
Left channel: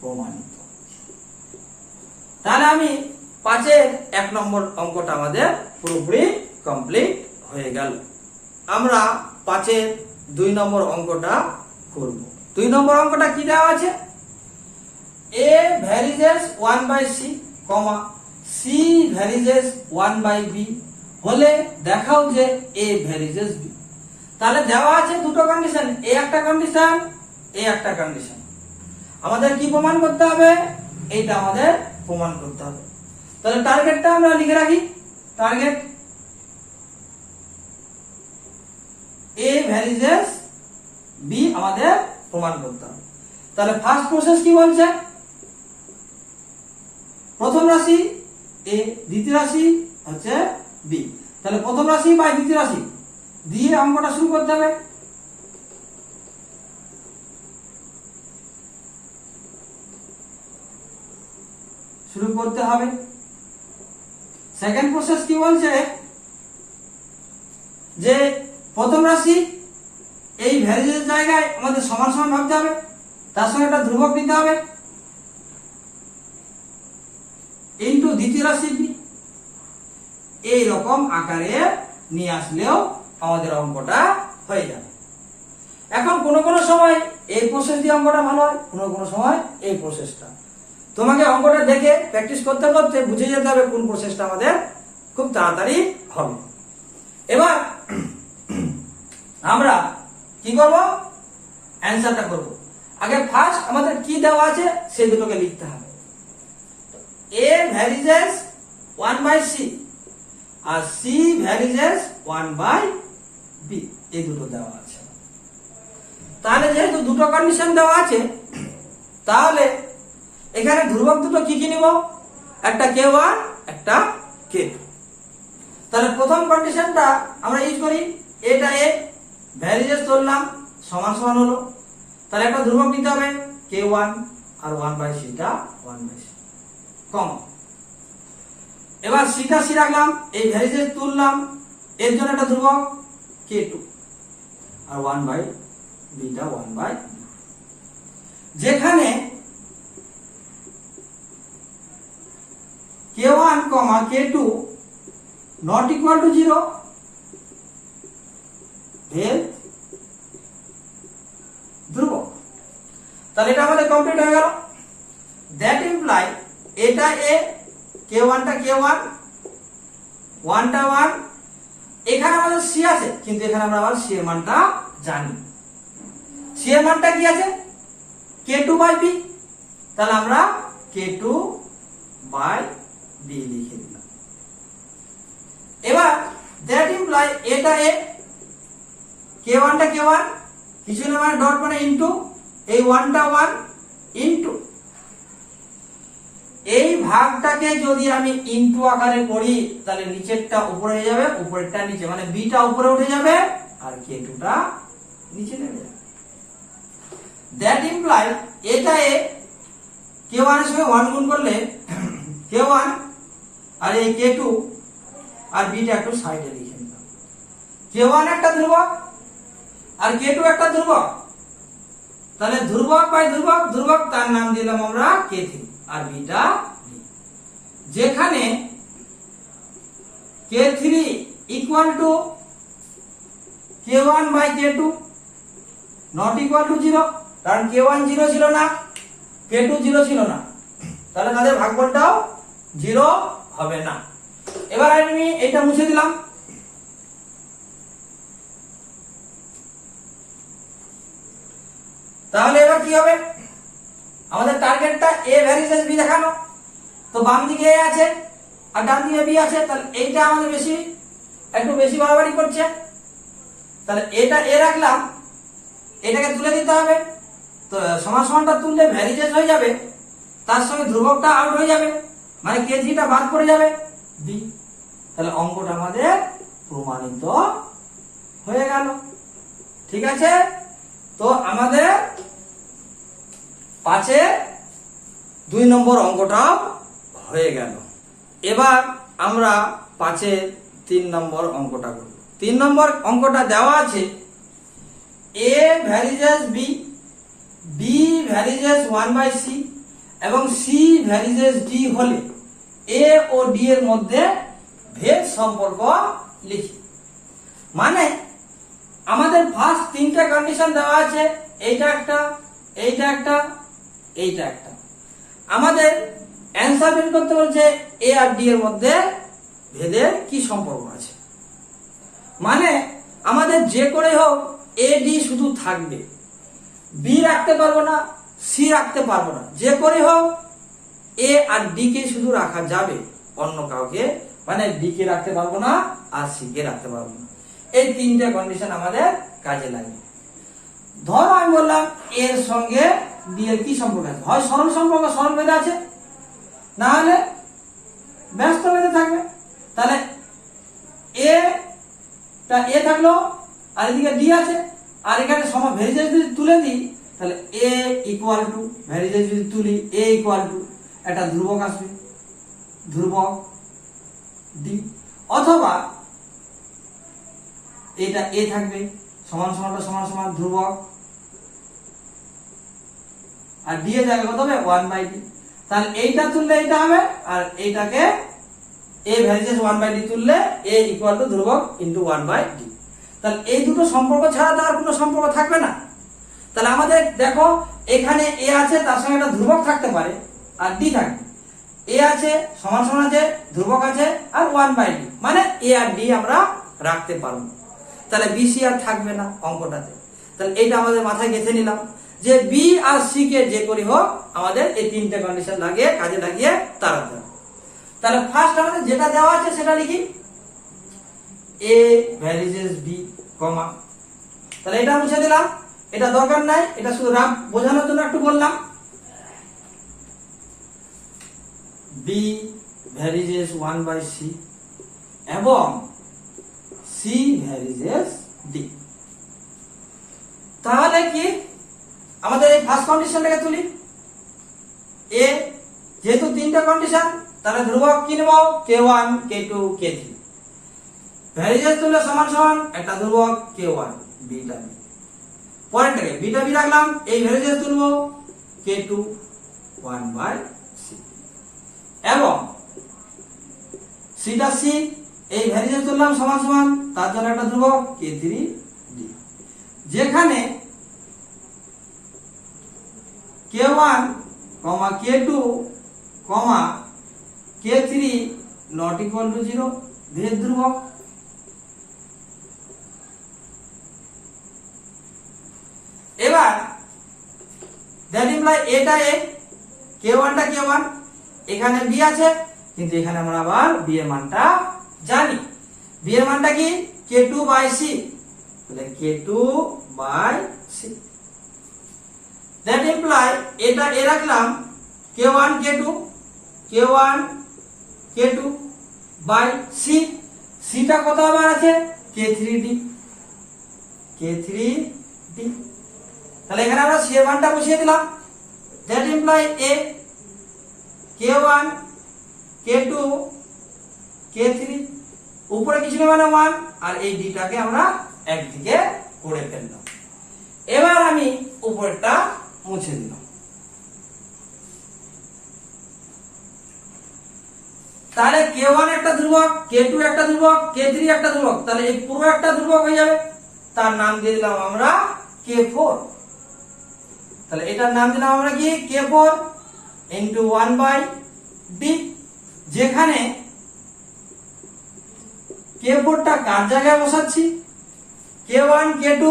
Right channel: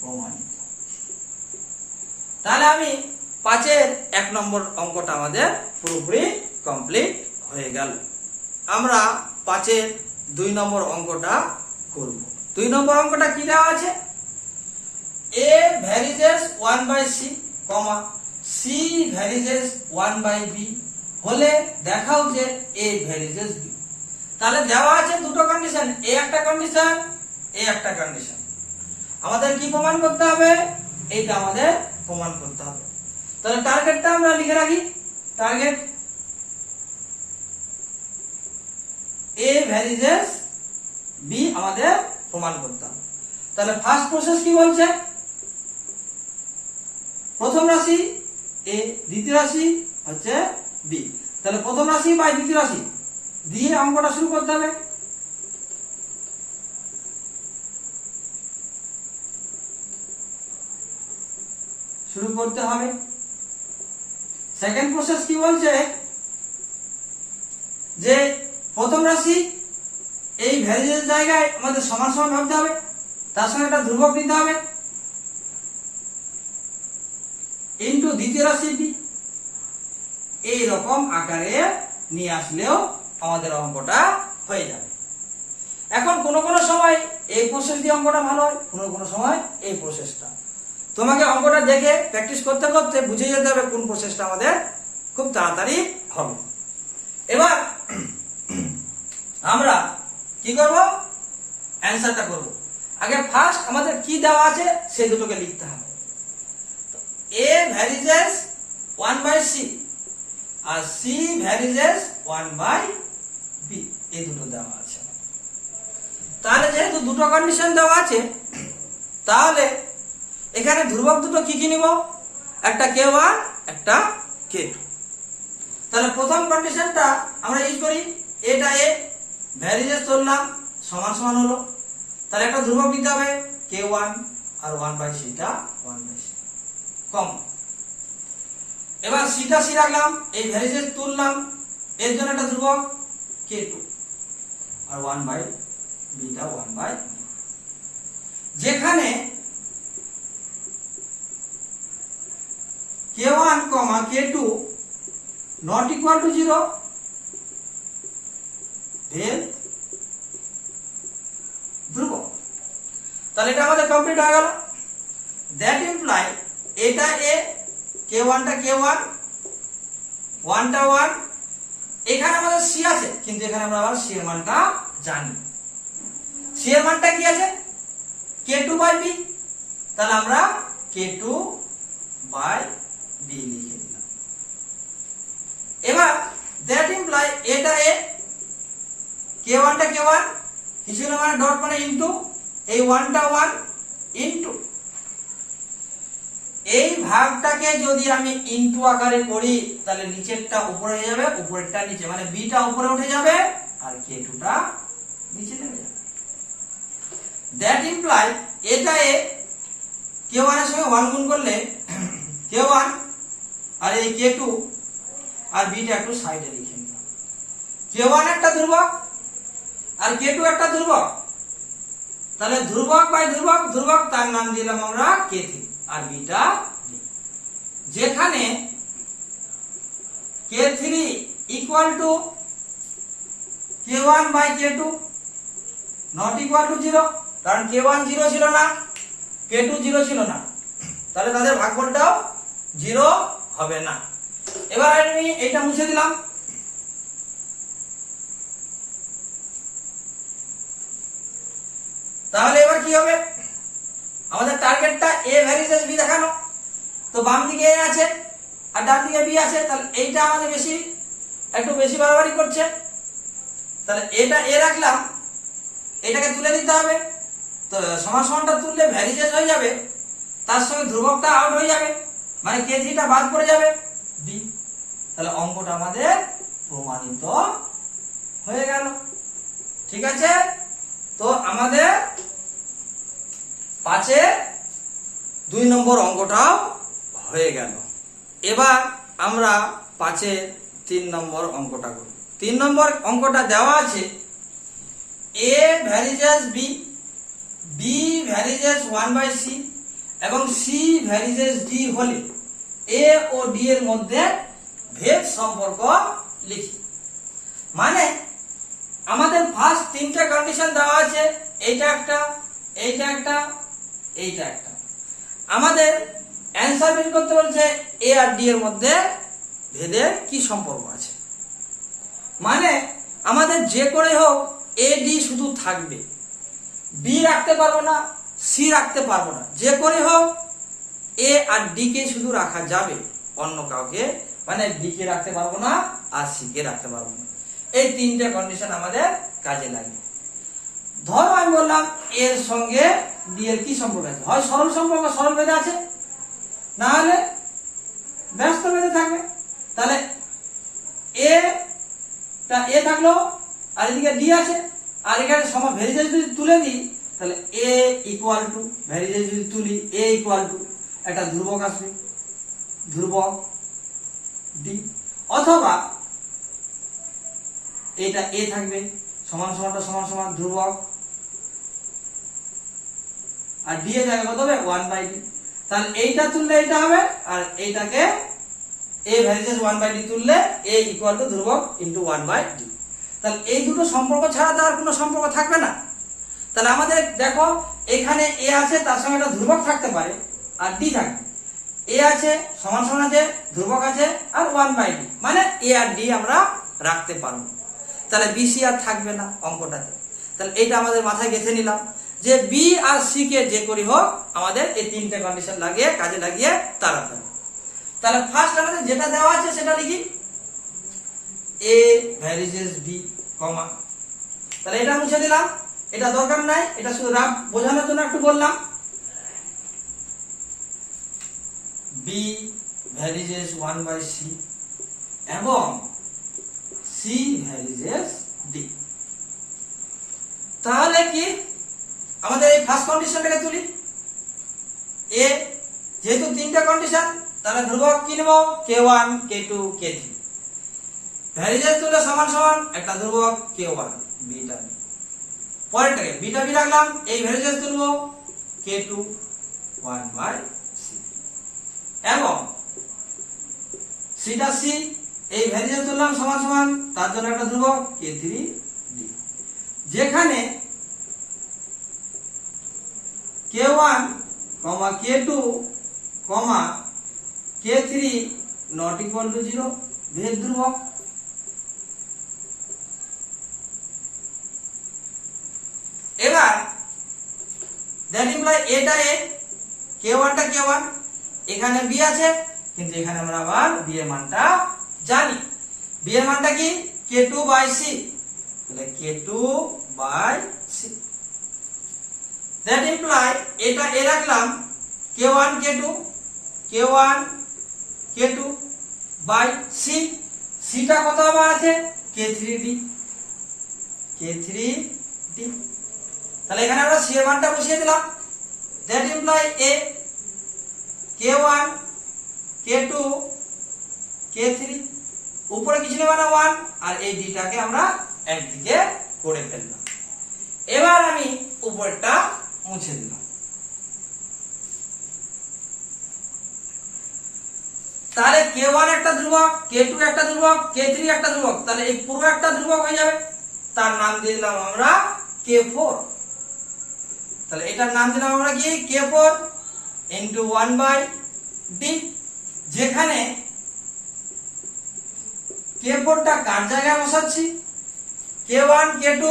প্রমাণিত। তাহলে আমি 5-এর 1 নম্বর অঙ্কটা আমাদের পুরোপুরি কমপ্লিট হয়ে গেল। আমরা 5-এর 2 নম্বর অঙ্কটা করব। 2 নম্বর অঙ্কটা কি দেওয়া আছে? a varies 1/c, c varies 1/b হলে দেখাও যে a ভ্যারিজেস b। তাহলে দেওয়া আছে দুটো কন্ডিশন, a একটা কন্ডিশন, a একটা কন্ডিশন। আমাদের কি প্রমাণ করতে হবে? এইটা আমাদের প্রমাণ করতে হবে। তাহলে টার্গেটটা আমরা লিখে রাখি। টার্গেট a ভ্যারিজেস b আমাদের প্রমাণ করতে হবে। তাহলে ফার্স্ট প্রসেস কি বলছে? প্রথম রাশি a, দ্বিতীয় রাশি হচ্ছে b। তাহলে প্রথম রাশি বাই দ্বিতীয় রাশি দিয়ে অঙ্কটা শুরু করতে হবে। শুরু করতে হবে। সেকেন্ড প্রসেস কি বলছে? যে প্রথম রাশি এই ভ্যারিজেস জায়গায় আমাদের সমান সমান ভাবতে হবে, তার সঙ্গে একটা ধ্রুবক নিতে হবে, ইন্টু দ্বিতীয় রাশি বি। এই রকম আকারে নিয়ে আসলেও আমাদের অঙ্কটা হয়ে যাবে। এখন কোন কোন সময় এই প্রসেস দিয়ে অঙ্কটা ভালো হয়, কোন সময় এই প্রসেসটা। তোমাকে অঙ্কটা দেখে প্র্যাকটিস করতে করতে বুঝে যেতে হবে কোন প্রসেসটা আমাদের খুব তাড়াতাড়ি হবে। এবার আমরা কি করব? অ্যান্সারটা করব। আগে ফার্স্ট আমাদের কি দেওয়া আছে সেই দুটোকে লিখতে হবে। a ভ্যারিজেস 1/c আর c ভ্যারিজেস 1/b, এই দুটো দেওয়া আছে। তাহলে যেহেতু দুটো কন্ডিশন দেওয়া আছে, তাহলে এখানে ধ্রুবক দুটো কি কি নিব? একটা k1, একটা k2। তাহলে প্রথম কন্ডিশনটা আমরা ইউজ করি, এটা a ভ্যারিজেস ধরলাম সমান সমান হলো, তাহলে একটা ধ্রুবক নিতে হবে k1 আর 1/c টা 1/c কমন। এবার সিটা সি রাখলাম, এই ভ্যারিজেস তুললাম, এর জন্য একটা ধ্রুবক k2 আর 1/b টা 1/b। যেখানে k1, k2 not equal to 0, ভেদ ধ্রুবক। তাহলে এটা আমাদের কমপ্লিট হয়ে গেল। দ্যাট ইমপ্লাই এটা a, k1 টা k1, 1 টা 1। এখানে আমাদের c আছে, কিন্তু এখানে আমরা আবার c এর মানটা জানি। c এর মানটা কি আছে? k2/b। তাহলে আমরা k2/b লিখে দিলাম। এবার দ্যাট ইমপ্লাই এটা a, k1 টা k1, কিছু না মানে ডট মানে ইনটু, এই 1 টা 1 ইনটু এই ভাগটাকে যদি আমি ইনটু আকারে করি, তাহলে নিচেরটা উপরে হয়ে যাবে, উপরেরটা নিচে, মানে b টা উপরে উঠে যাবে আর k2 টা নিচে নেমে যাবে। দ্যাট ইমপ্লাই এটা a, k1 এর সঙ্গে 1 গুণ করলে k1 আর এই k2 আর b টা একটু সাইডে লিখে নিলাম। k1 একটা ধ্রুবক আর k2 একটা ধ্রুবক, তাহলে ধ্রুবক বাই ধ্রুবক, ধ্রুবক তার নাম দিলাম আমরা k3 আর b টা। যেখানে k3 equal to k1 by k2 not equal to 0, কারণ k1 0 ছিল না, k2 0 ছিল না, তাহলে তাদের ভাগফলটাও 0 হবে না। এবার আমি এটা মুছে দিলাম। তাহলে এবার কি হবে? আমাদের টার্গেটটা a ভ্যারিজেস b দেখানো, তো বাম দিকে a আছে আর ডান দিকে b আছে, তাহলে এইটা আমাদের একটু বেশি বাড়াবাড়ি করছে। তাহলে এটা a রাখলাম, এটাকে তুলে দিতে হবে। তো সমান সমানটা তুললে ভ্যারিজেস হয়ে যাবে, তার সঙ্গে ধ্রুবকটা আউট হয়ে যাবে, মানে k3 টা বাদ পড়ে যাবে b। তাহলে অঙ্কটা আমাদের প্রমাণিত হয়ে গেল। ঠিক আছে, তো আমাদের 5-এর 2 নম্বর অঙ্কটাও হয়ে গেল। এবার আমরা 5-এর 3 নম্বর অঙ্কটা করব। 3 নম্বর অঙ্কটা দেওয়া আছে a varies as b, b varies as 1/c এবং c ভ্যারিজেস d হলে a ও d এর মধ্যে ভেদ সম্পর্ক লিখি। মানে আমাদের ফার্স্ট 3টে কন্ডিশন দেওয়া আছে, এইটা একটা, এইটা একটা, এইটা একটা। আমাদের অ্যান্সার বের করতে বলছে a আর d এর মধ্যে ভেদের কি সম্পর্ক আছে। মানে আমাদের যে করে হোক a d শুধু থাকবে, b রাখতে পারবো না, c রাখতে পারবো না। যে করে হোক a আর d কে শুধু রাখা যাবে, অন্য কাউকে মানে b কে রাখতে পারবো না আর c কে রাখতে পারবো না। এই 3টে কন্ডিশন আমাদের কাজে লাগে। ধরো আমি বললাম এর সঙ্গে d এর কি সম্পর্ক আছে, হয় সরল সম্পর্ক, সরল ভেদে আছে, না হলে ব্যস্ত ভেদে থাকবে। তাহলে a টা a থাকলো আর এদিকে d আছে, আর এখানে ভ্যারিজেস যদি তুলে দিই তাহলে a ইকুয়াল টু, ভ্যারিজেস যদি তুলি a ইকুয়াল টু একটা ধ্রুবক আসবে, ধ্রুবক d, অথবা এটা a থাকবে সমান সমানটা সমান সমান ধ্রুবক, আর d এর জায়গায় কত হবে 1/d। তাহলে এইটা তুললে এইটা হবে, আর এইটাকে a ভ্যারিজেস 1/d তুললে a ইকুয়াল টু ধ্রুবক ইনটু 1/d। তাহলে এই দুটো সম্পর্ক ছাড়া তো আর কোনো সম্পর্ক থাকবে না। তাহলে আমাদের দেখো এখানে a আছে, তার সঙ্গে একটা ধ্রুবক থাকতে পারে আর d থাকবে, a আছে সমান সমান আছে, ধ্রুবক আছে আর 1/d, মানে a আর d আমরা রাখতে পারবো। তাহলে b c আর থাকবে না অঙ্কটাতে। তাহলে এইটা আমাদের মাথায় গেঁথে নিলাম যে b আর c কে যে করি হোক আমাদের এই 3টে কন্ডিশন লাগিয়ে কাজে লাগিয়ে তাড়াতে হবে। তাহলে ফার্স্ট আমাদের যেটা দেওয়া আছে সেটা লিখি, a ভ্যারিজেস b, কমা। তাহলে এটা মুছে দিলাম, এটা দরকার নাই, এটা শুধু রাফ বোঝানোর জন্য একটু বললাম। b ভ্যারিজেস 1/c এবং c ভ্যারিজেস d। তাহলে কি আমাদের এই ফার্স্ট কন্ডিশনটাকে তুলি, a যেহেতু 3টে কন্ডিশন, তাহলে ধ্রুবক কি নেব k1 k2 k3, ভ্যারিজেস তুললে সমান সমান একটা ধ্রুবক k1 বিটা বি, পরেরটাকে বিটা বি রাখলাম, এই ভ্যারিজেস তুলবো k2 1/c এবং সিটা c, এই ভ্যারিজেস তুললাম সমান সমান, তার জন্য একটা ধ্রুবক k3 d, যেখানে k1 k2 k3 not equal to 0, ভেদ ধ্রুবক। এবার দ্যাট ইমপ্লাই এটা a, k1 টা k1, এখানে b আছে, কিন্তু এখানে আমরা আবার b এর মানটা জানি। b এর মানটা কি k2/c, তাহলে k2/c। দ্যাট ইমপ্লাই এটা a রাখলাম k1 k2 by c, c টা কত আবার আছে k3d, তাহলে এখানে আমরা c এর মানটা বসিয়ে দিলাম। That imply a k1 k2 k3, উপরে কিছু নেই মানে 1, আর এই d টাকে আমরা একদিকে করে ফেললাম। এবার আমি উপরটা মুছে দিলাম। তাহলে k1 একটা ধ্রুবক, k2 একটা ধ্রুবক, k3 একটা ধ্রুবক, তাহলে এই পুরো একটা ধ্রুবক হয়ে যাবে, তার নাম দিয়ে দিলাম আমরা k4। তাহলে এটার নাম দিলাম আমরা কি k4 ইনটু 1/d, যেখানে k4 টা কার জায়গায় বসাচ্ছি, k1 k2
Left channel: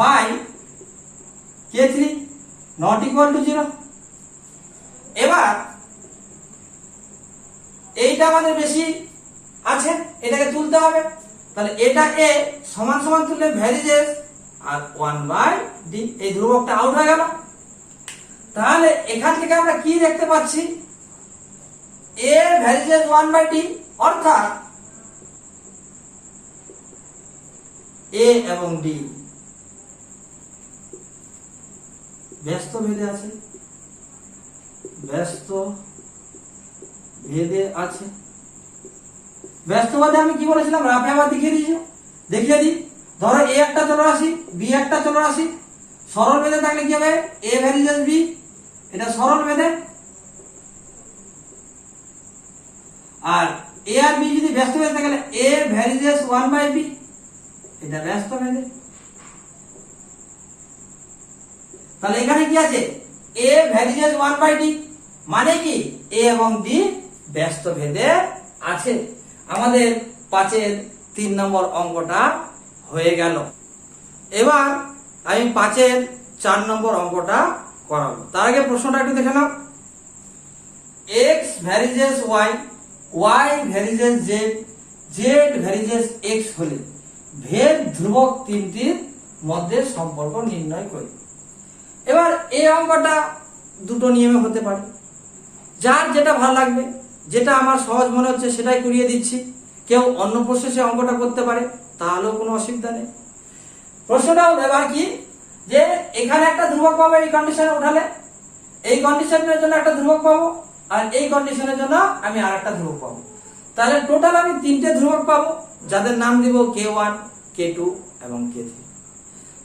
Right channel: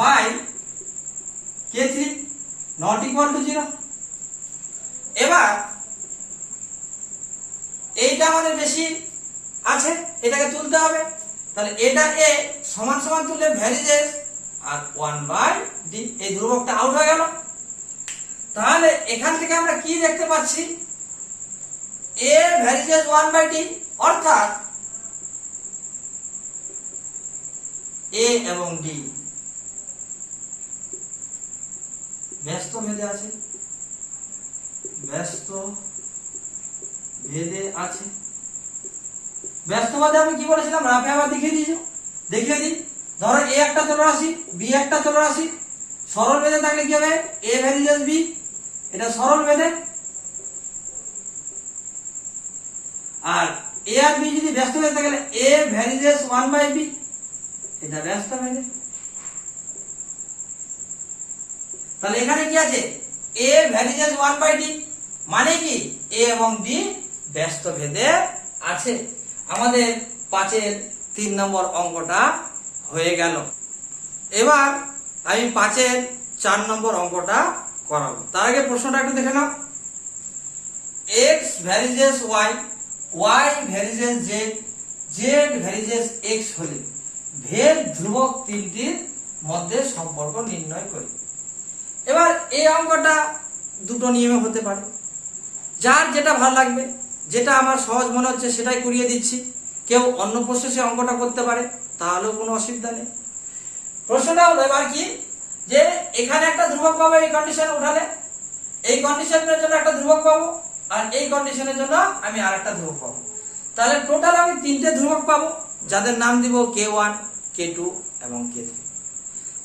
by k3 not equal to 0। এবার এইটা আমাদের বেশি আছে, এটাকে তুলতে হবে। তাহলে এটা a সমান সমান তুললে ভ্যারিজেস আর 1/d, এই ধ্রুবকটা আউট হয়ে গেল। তাহলে এখান থেকে আমরা কি দেখতে পাচ্ছি, a ভ্যারিজেস 1/d, অর্থাৎ a এবং d ব্যস্ত ভেদে আছে, ব্যস্ত ভেদে আছে। ব্যস্তবাদে আমি কি বলেছিলাম, রাফে আবার দেখিয়ে দিই। ধরো এ একটা চলরাশি, বি একটা চলরাশি, সরল বেঁধে থাকলে কি হবে, এ ভ্যারিজেস বি, এটা সরল বেঁধে। আর এ আর বি যদি ব্যস্ত বেঁধে থাকে, এ ভ্যারিজেস 1/b, এটা ব্যস্ত বেঁধে। তাহলে এখানে কি আছে, এ ভ্যারিজেস 1/d, মানে কি এ এবং ডি ব্যস্ত ভেদে আছে। আমাদের 5-এর 3 নম্বর অঙ্কটা হয়ে গেল। এবার আমি 5-এর 4 নম্বর অঙ্কটা করাবো। তার আগে প্রশ্নটা একটু দেখে নাও। x varies as y, y varies as z, z varies as x হলে ভেদ ধ্রুবক তিনটির মধ্যে সম্পর্ক নির্ণয় করি। এবার এই অঙ্কটা দুটো নিয়মে হতে পারে, যার যেটা ভালো লাগবে, যেটা আমার সহজ মনে হচ্ছে সেটাই করিয়ে দিচ্ছি। কেউ অন্য প্রসেসে অঙ্কটা করতে পারে, তাহলেও কোনো অসুবিধা নেই। প্রশ্নটা হলো এবার কি, যে এখানে একটা ধ্রুবক পাবো, এই কন্ডিশনে উঠালে এই কন্ডিশনের জন্য একটা ধ্রুবক পাবো, আর এই কন্ডিশনের জন্য আমি আর একটা ধ্রুবক পাবো। তাহলে টোটাল আমি 3টে ধ্রুবক পাবো, যাদের নাম দিব k1, k2 এবং k3।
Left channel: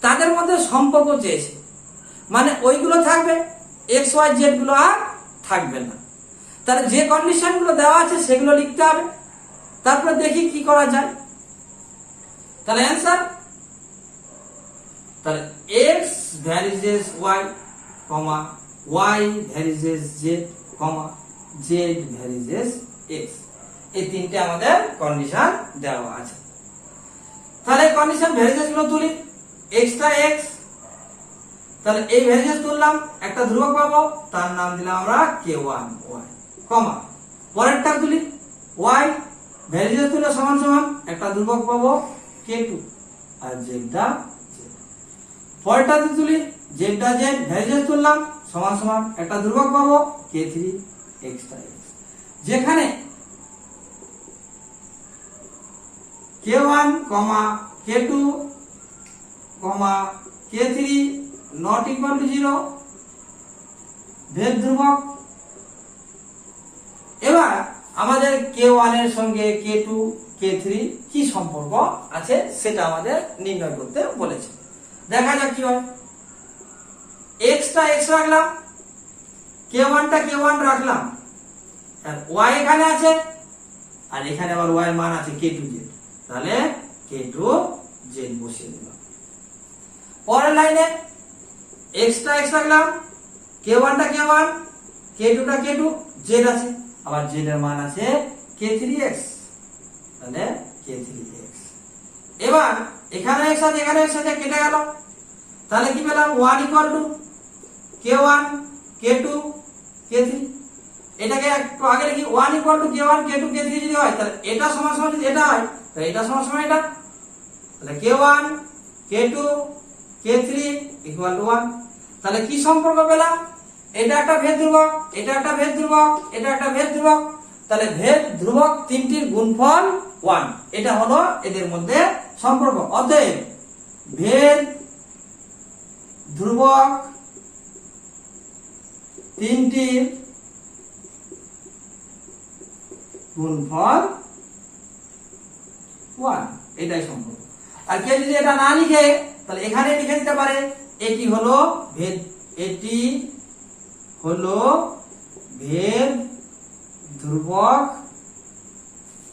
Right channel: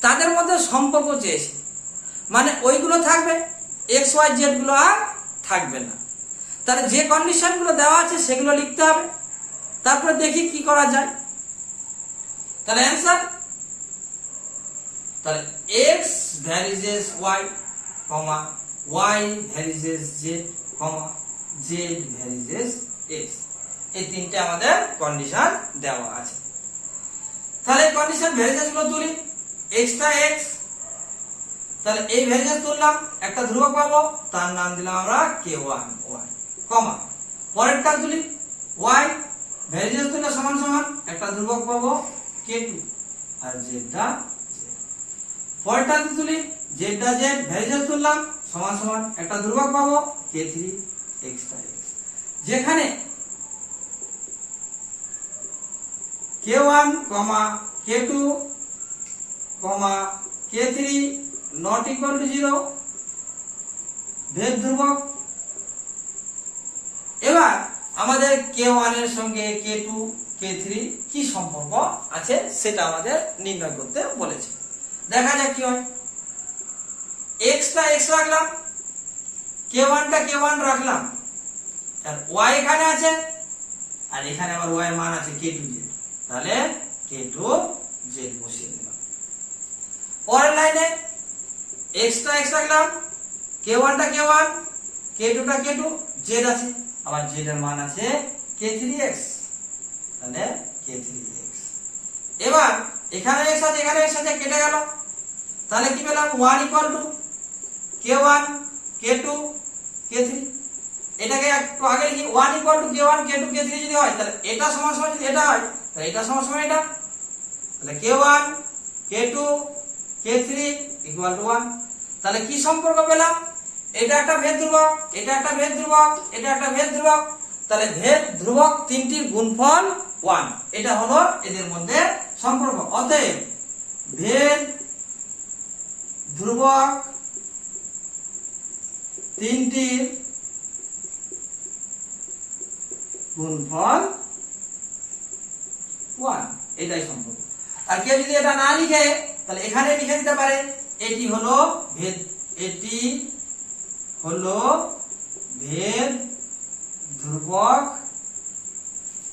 তাদের মধ্যে সম্পর্ক চেয়েছি, মানে ওইগুলো থাকবে, x y z গুলো আর থাকবে না। তাহলে যে কন্ডিশন গুলো দেওয়া আছে সেগুলো লিখতে হবে, তারপরে দেখি কি করা যায়। তাহলে অ্যান্সার, তাহলে x varies as y, y varies as z, z varies as x, এই তিনটে আমাদের কন্ডিশন দেওয়া আছে। তাহলে কন্ডিশন ভ্যারিজেস গুলো তুলি। x টা x, তাহলে এই ভ্যারিজেস তুললাম, একটা ধ্রুবক পাবো, তার নাম দিলাম আমরা k1 y, পরেরটা তুলি y ভ্যারিজেস তুলে সমান সমান একটা ধ্রুবক পাবো k2, আর z টা z। পরেরটা তুলি z টা z ভ্যারিজেস তুললাম সমান সমান একটা ধ্রুবক পাবো k3 x টা x। যেখানে k1, k2, k3 not equal to 0, ভেদ ধ্রুবক। এবার আমাদের k1 এর সঙ্গে k2, k3 কি সম্পর্ক আছে সেটা আমাদের নির্ণয় করতে বলেছে। দেখা যাক কি হয়। x টা x রাখলাম, k1 টা k1 রাখলাম, আর y এখানে আছে, আর এখানে আবার y এর মান আছে k2z, তাহলে k2z বসিয়ে দিলাম। পরের লাইনে x টা x রাখলাম, k1 টা k1, k2 টা k2, z আছে, আবার z এর মান আছে k3x, তাহলে k3x। এবার এখানে x আছে, এখানে x আছে, কেটে গেল, তাহলে কি পেলাম 1 equal to k1, k2, k3। এটাকে একটু আগে লিখি, 1 equal to k1, k2, k3 যদি হয়, তাহলে এটা সমান সমান যদি এটা হয়, তাহলে এটা সমান সমান এটা, তাহলে k1, k2, k3 equal two 1। তাহলে কি সম্পর্ক পেলাম, এটা একটা ভেদ ধ্রুবক, এটা একটা ভেদ ধ্রুবক, এটা একটা ভেদ ধ্রুবক, তাহলে ভেদ ধ্রুবক তিনটির গুণফল 1, এটা হলো এদের মধ্যে সম্পর্ক। অতএব ভেদ ধ্রুবক তিনটির গুণফল 1, এটাই সম্পর্ক। আর কেউ যদি এটা না লিখে তাহলে এখানে লিখে দিতে পারে, এটি হলো ভেদ, এটি হলো ভেদ ধ্রুবক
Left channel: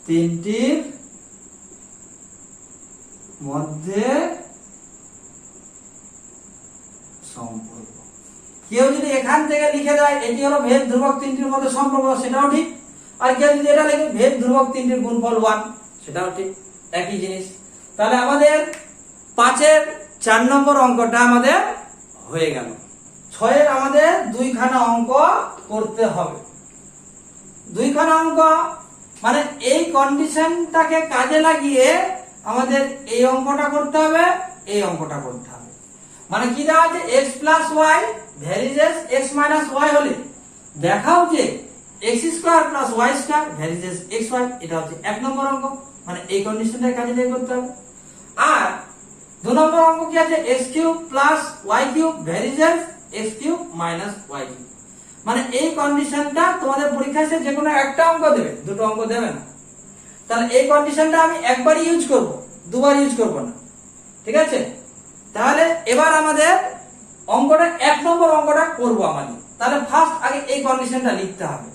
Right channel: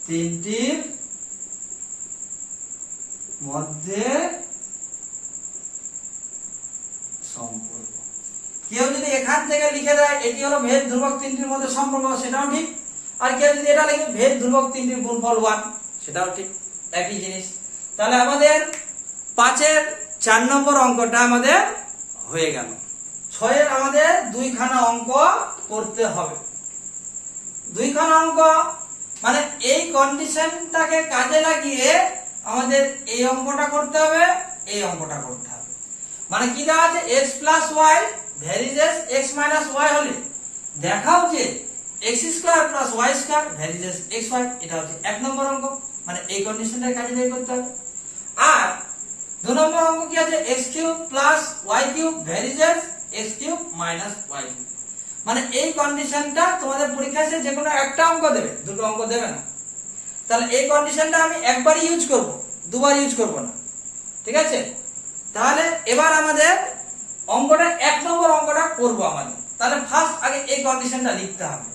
তিনটির মধ্যে সম্পর্ক। কেউ যদি এখান থেকে লিখে দেয় এটি হলো ভেদ ধ্রুবক তিনটির মধ্যে সম্পর্ক, সেটাও ঠিক। আর কেউ যদি এটা লিখে ভেদ ধ্রুবক তিনটির গুণফল 1, সেটাও ঠিক, একই জিনিস। তাহলে আমাদের 5-এর 4 নম্বর অঙ্কটা আমাদের হয়ে গেল। 6-এর আমাদের 2খানা অঙ্ক করতে হবে। 2খানা অঙ্ক মানে এই কন্ডিশনটাকে কাজে লাগিয়ে আমাদের এই অঙ্কটা করতে হবে, এই অঙ্কটা করতে হবে। মানে কি দেওয়া আছে, x plus y varies as x minus y হলে দেখাও যে x square plus y square varies as xy, এটা হচ্ছে 1 নম্বর অঙ্ক। মানে এই কন্ডিশনটা কাজে লাগিয়ে করতে হবে। আর 2 নম্বর অঙ্ক কি আছে, x cube plus y cube varies as x cube minus y cube. মানে এই কন্ডিশনটা তোমাদের পরীক্ষায় যে কোনো একটা অঙ্ক দেবে, দুটো অঙ্ক দেবে না। তাহলে এই কন্ডিশনটা আমি একবারই ইউজ করব, দুবার ইউজ করব না, ঠিক আছে? তাহলে এবার আমাদের অঙ্কটা 1 নম্বর অঙ্কটা করব আমাদের। তাহলে ফার্স্ট আগে এই কন্ডিশনটা লিখতে হবে।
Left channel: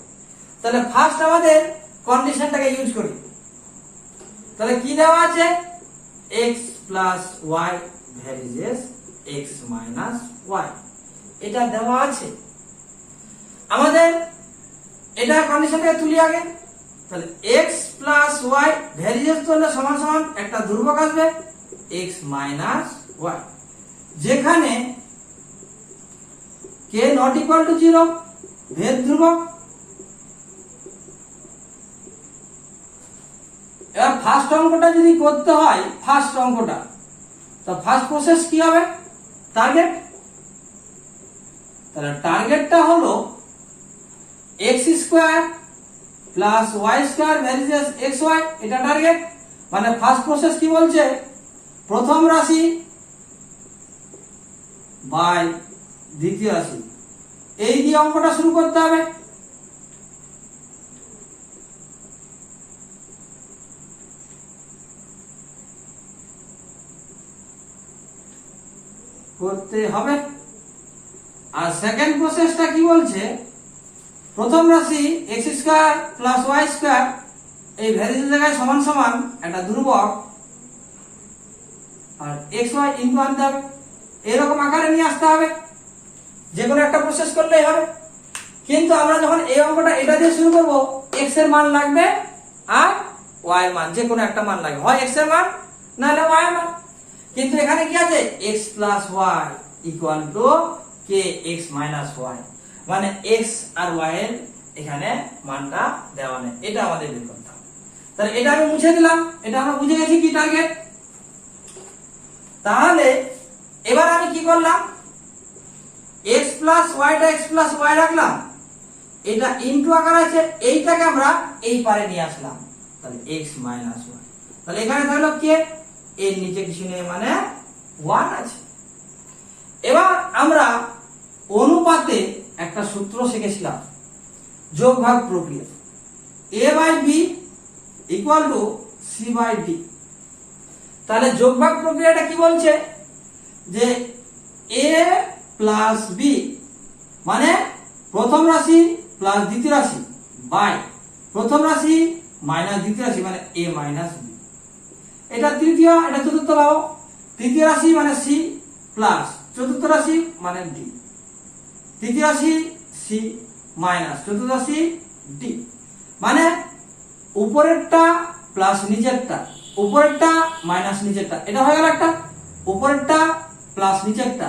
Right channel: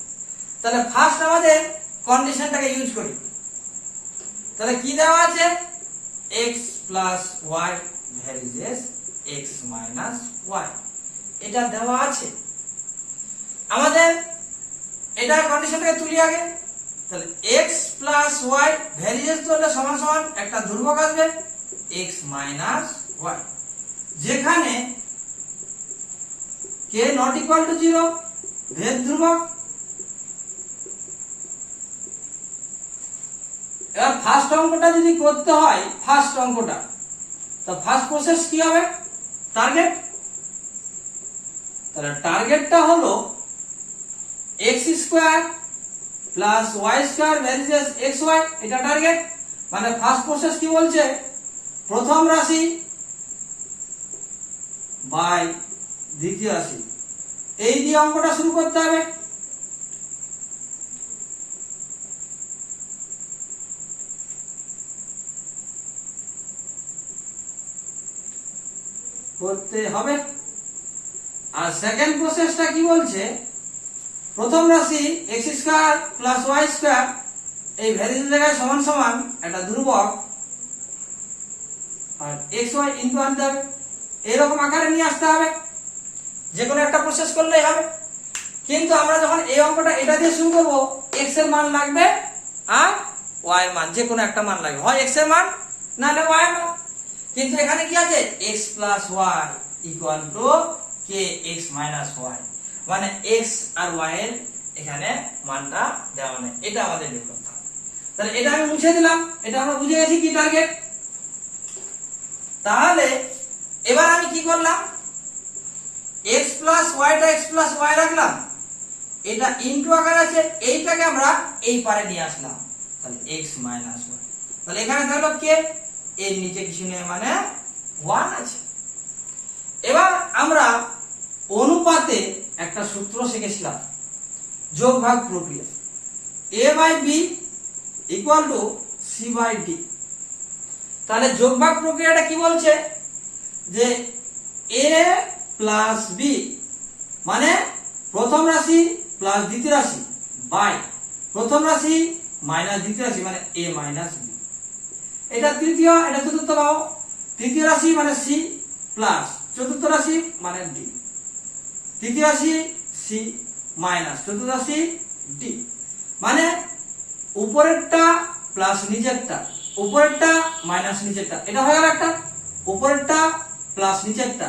তাহলে ফার্স্ট আমাদের কন্ডিশনটাকে ইউজ করি। তাহলে কি দেওয়া আছে? x plus y varies x minus y, এটা দেওয়া আছে আমাদের। এটা কন্ডিশনটাকে তুলি আগে। তাহলে x plus y varies করলে সমান সমান একটা ধ্রুবক আসবে x minus y, যেখানে k not equal to 0 ভেদ ধ্রুবক। এবার ফার্স্ট অঙ্কটা যদি করতে হয়, ফার্স্ট অঙ্কটা, তো ফার্স্ট প্রসেস কি হবে? টার্গেট। তাহলে টার্গেটটা হলো x square plus y square varies xy, এটা টার্গেট। মানে ফার্স্ট প্রসেস কি বলছে? প্রথম রাশি বাই দ্বিতীয় রাশি, এই দিয়ে অঙ্কটা শুরু করতে হবে। আর সেকেন্ড প্রসেসটা কি বলছে? প্রথম রাশি x square plus y square, এই ভ্যারিয়েস জায়গায় সমান সমান একটা ধ্রুবক আর xy ইনটু আনতে হবে। এরকম আকারে নিয়ে আসতে হবে, যে কোনো একটা প্রসেস করলেই হবে। কিন্তু আমরা যখন এই অঙ্কটা এটা দিয়ে শুরু করব, x এর মান লাগবে আর y এর মান, যে কোনো একটা মান লাগবে, হয় x এর মান না হলে y এর মান। কিন্তু এখানে কি আছে? x plus y equal to kx minus y, মানে x আর y এর এখানে মানটা দেওয়া নেই, এটা আমাদের বের করতে হবে। তাহলে এটা আমি মুছে দিলাম, এটা আমরা বুঝে গেছি কি টার্গেট। তাহলে এবার আমি কি করলাম? x plus y টা x plus y রাখলাম, এটা ইনটু আকার আছে, এইটাকে আমরা এই পারে নিয়ে আসলাম, তাহলে x minus y। তাহলে এখানে থাকলো k, এর নিচে কিছু নেই মানে 1 আছে। এবার আমরা অনুপাতে একটা সূত্র শিখেছিলাম, যোগ ভাগ প্রক্রিয়া, a by b equal to c by d। তাহলে যোগ ভাগ প্রক্রিয়াটা কি বলছে? যে a প্লাস b মানে প্রথম রাশি প্লাস দ্বিতীয় রাশি বাই প্রথম রাশি মাইনাস দ্বিতীয় রাশি মানে a মাইনাস b। এটা তৃতীয়, এটা চতুর্থ পাবো। তৃতীয় রাশি মানে c প্লাস চতুর্থ রাশি মানে d, তৃতীয় রাশি c মাইনাস চতুর্থ রাশি d, মানে উপরেরটা প্লাস নিচেরটা, উপরেরটা মাইনাস নিচেরটা, এটা হয়ে গেল একটা। উপরেরটা প্লাস নিচেরটা,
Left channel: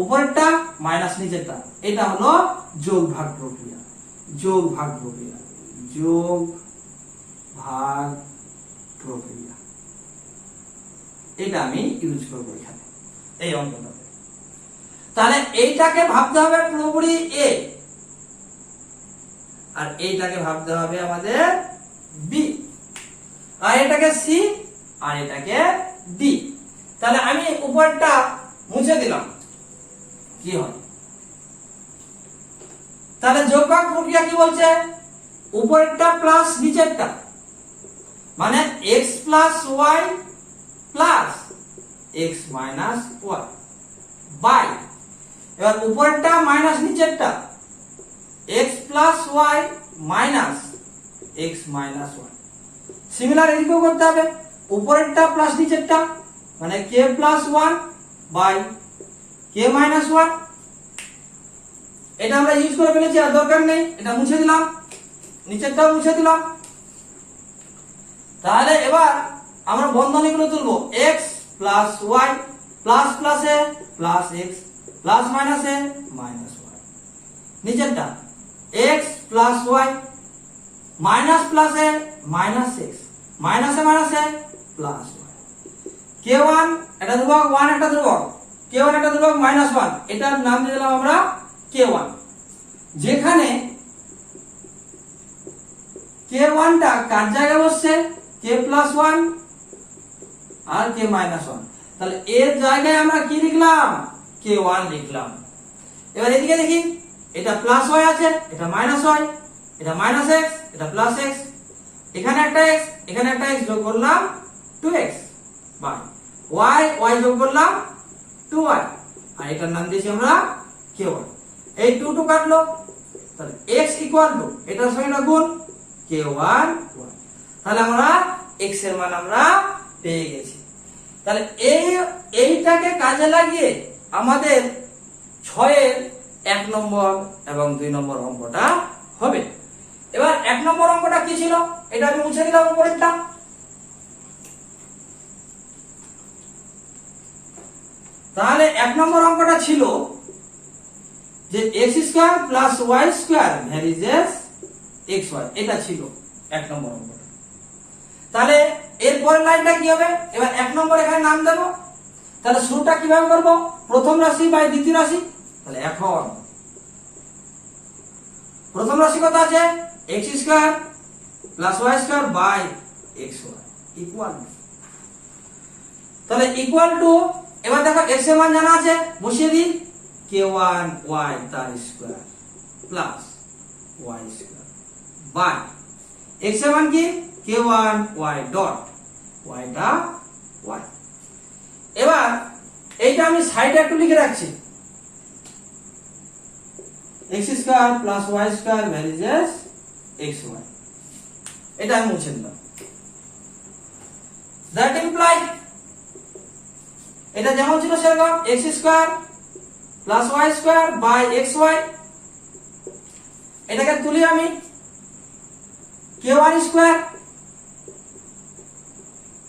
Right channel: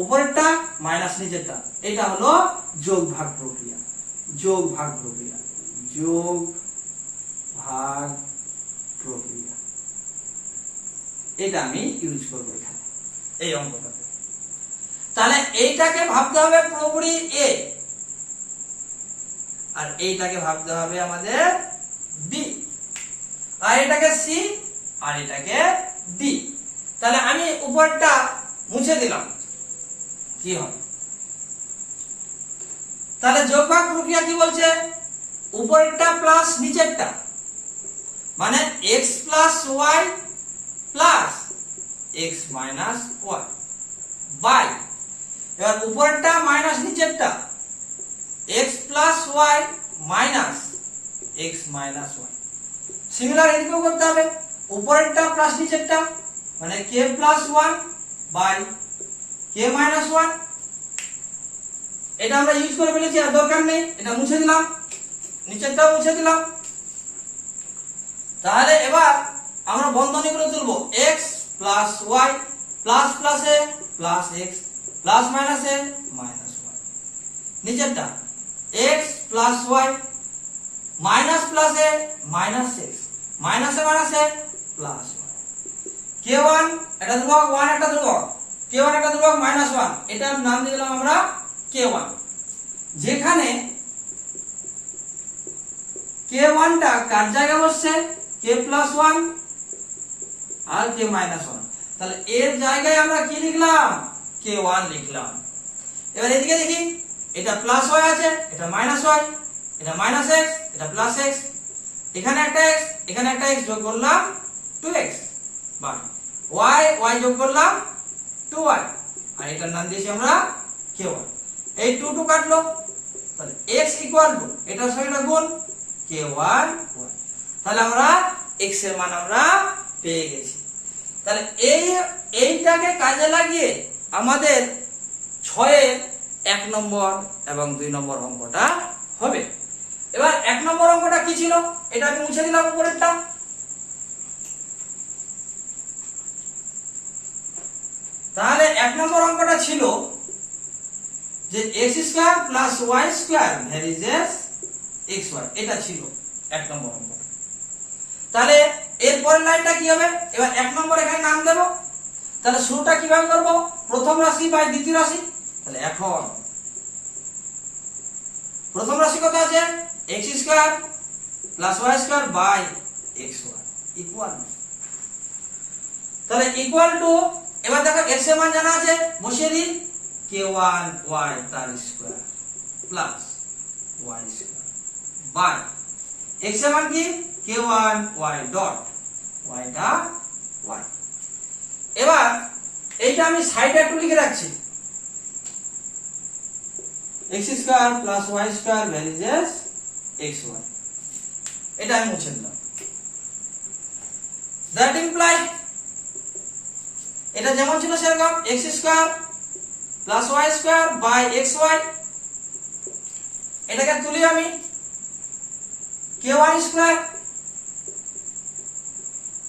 উপরেরটা মাইনাস নিচেরটা, এটা হলো যোগ ভাগ প্রক্রিয়া। যোগ ভাগ প্রক্রিয়া, যোগ ভাগ প্রক্রিয়া, এটা আমি ইউজ করবো এখানে এই অঙ্কটাতে। তাহলে এইটাকে ভাবতে হবে পুরোপুরি a, আর এইটাকে ভাবতে হবে আমাদের b, আর এটাকে c, আর এটাকে d। তাহলে আমি উপরটা মুছে দিলাম, কি হয়? তাহলে যোগ ভাগ প্রক্রিয়া কি বলছে? উপরেরটা প্লাস নিচেরটা, মানে x plus y plus x minus y by, এবার উপরেরটা মাইনাস নিচেরটা x plus y minus x minus y। Similar এদিকেও করতে হবে, উপরেরটা প্লাস নিচেরটা মানে k plus 1 by k minus 1। এটা আমরা ইউজ করে ফেলেছি, আর দরকার নেই, এটা মুছে দিলাম, নিচেরটাও মুছে দিলাম। তাহলে এবার আমরা বন্ধনীগুলো তুলবো, x প্লাস y প্লাস প্লাসে প্লাস x প্লাস মাইনাসে মাইনাস y। নিচেরটা x প্লাস y মাইনাস প্লাসে মাইনাস x মাইনাসে মাইনাসে প্লাস y। k1 এটা ধ্রুবক, 1 একটা ধ্রুবক, k1 একটা ধ্রুবক মাইনাস 1, এটার নাম দিয়ে দিলাম আমরা k1। যেখানে k1 টা কার জায়গায় বসছে? k প্লাস 1 আর k মাইনাস 1। তাহলে এর জায়গায় আমরা কি লিখলাম? k1 লিখলাম। এবার এদিকে দেখি, এটা প্লাস ওয়াই আছে, এটা মাইনাস ওয়াই, এটা মাইনাস এক্স, এটা প্লাস এক্স, এখানে একটা এক্স, এখানে একটা এক্স যোগ করলাম 2x, বা ওয়াই ওয়াই যোগ করলাম 2y, আর এটার নাম দিয়েছি আমরা k1। এই 2 2 কাটলো, তাহলে x ইকুয়াল টু এটার সঙ্গে এটা গুণ k1 y। তাহলে আমরা x এর মান আমরা পেয়ে গেছি। তাহলে এইটাকে কাজে লাগিয়ে আমাদের 6 এর 1 নম্বর এবং 2 নম্বর অঙ্কটা হবে। এবার 1 নম্বর অঙ্কটা কি ছিল, এটা আমি মুছে দিলাম উপরেরটা। তাহলে 1 নম্বর অঙ্কটা ছিল যে x² + y² ভ্যারিজেস xy, এটা ছিল 1 নম্বর অঙ্ক। তাহলে এর পরের লাইনটা কি হবে, এবার 1 নম্বর এখানে নাম দেব। তাহলে শুরুটা কিভাবে করব, প্রথম রাশি বাই দ্বিতীয় রাশি। তাহলে এখন প্রথম রাশি কত আছে, x² + y² by xy equal, তাহলে ইকুয়াল টু, এবার দেখো x এর মান জানা আছে, বসিয়ে দিই k1 y তার square plus y square by x এর মান কি k1 y ডট y টা y। এবার এইটা আমি সাইডে একটু লিখে রাখছি, x² + y² ভ্যারিজেস xy, এটা আমি মুছে দিলাম। দ্যাট ইমপ্লাই, এটা যেমন ছিল সেরকম x² + y² বাই xy, এটাকে তুলি আমি k1 স্কয়ার,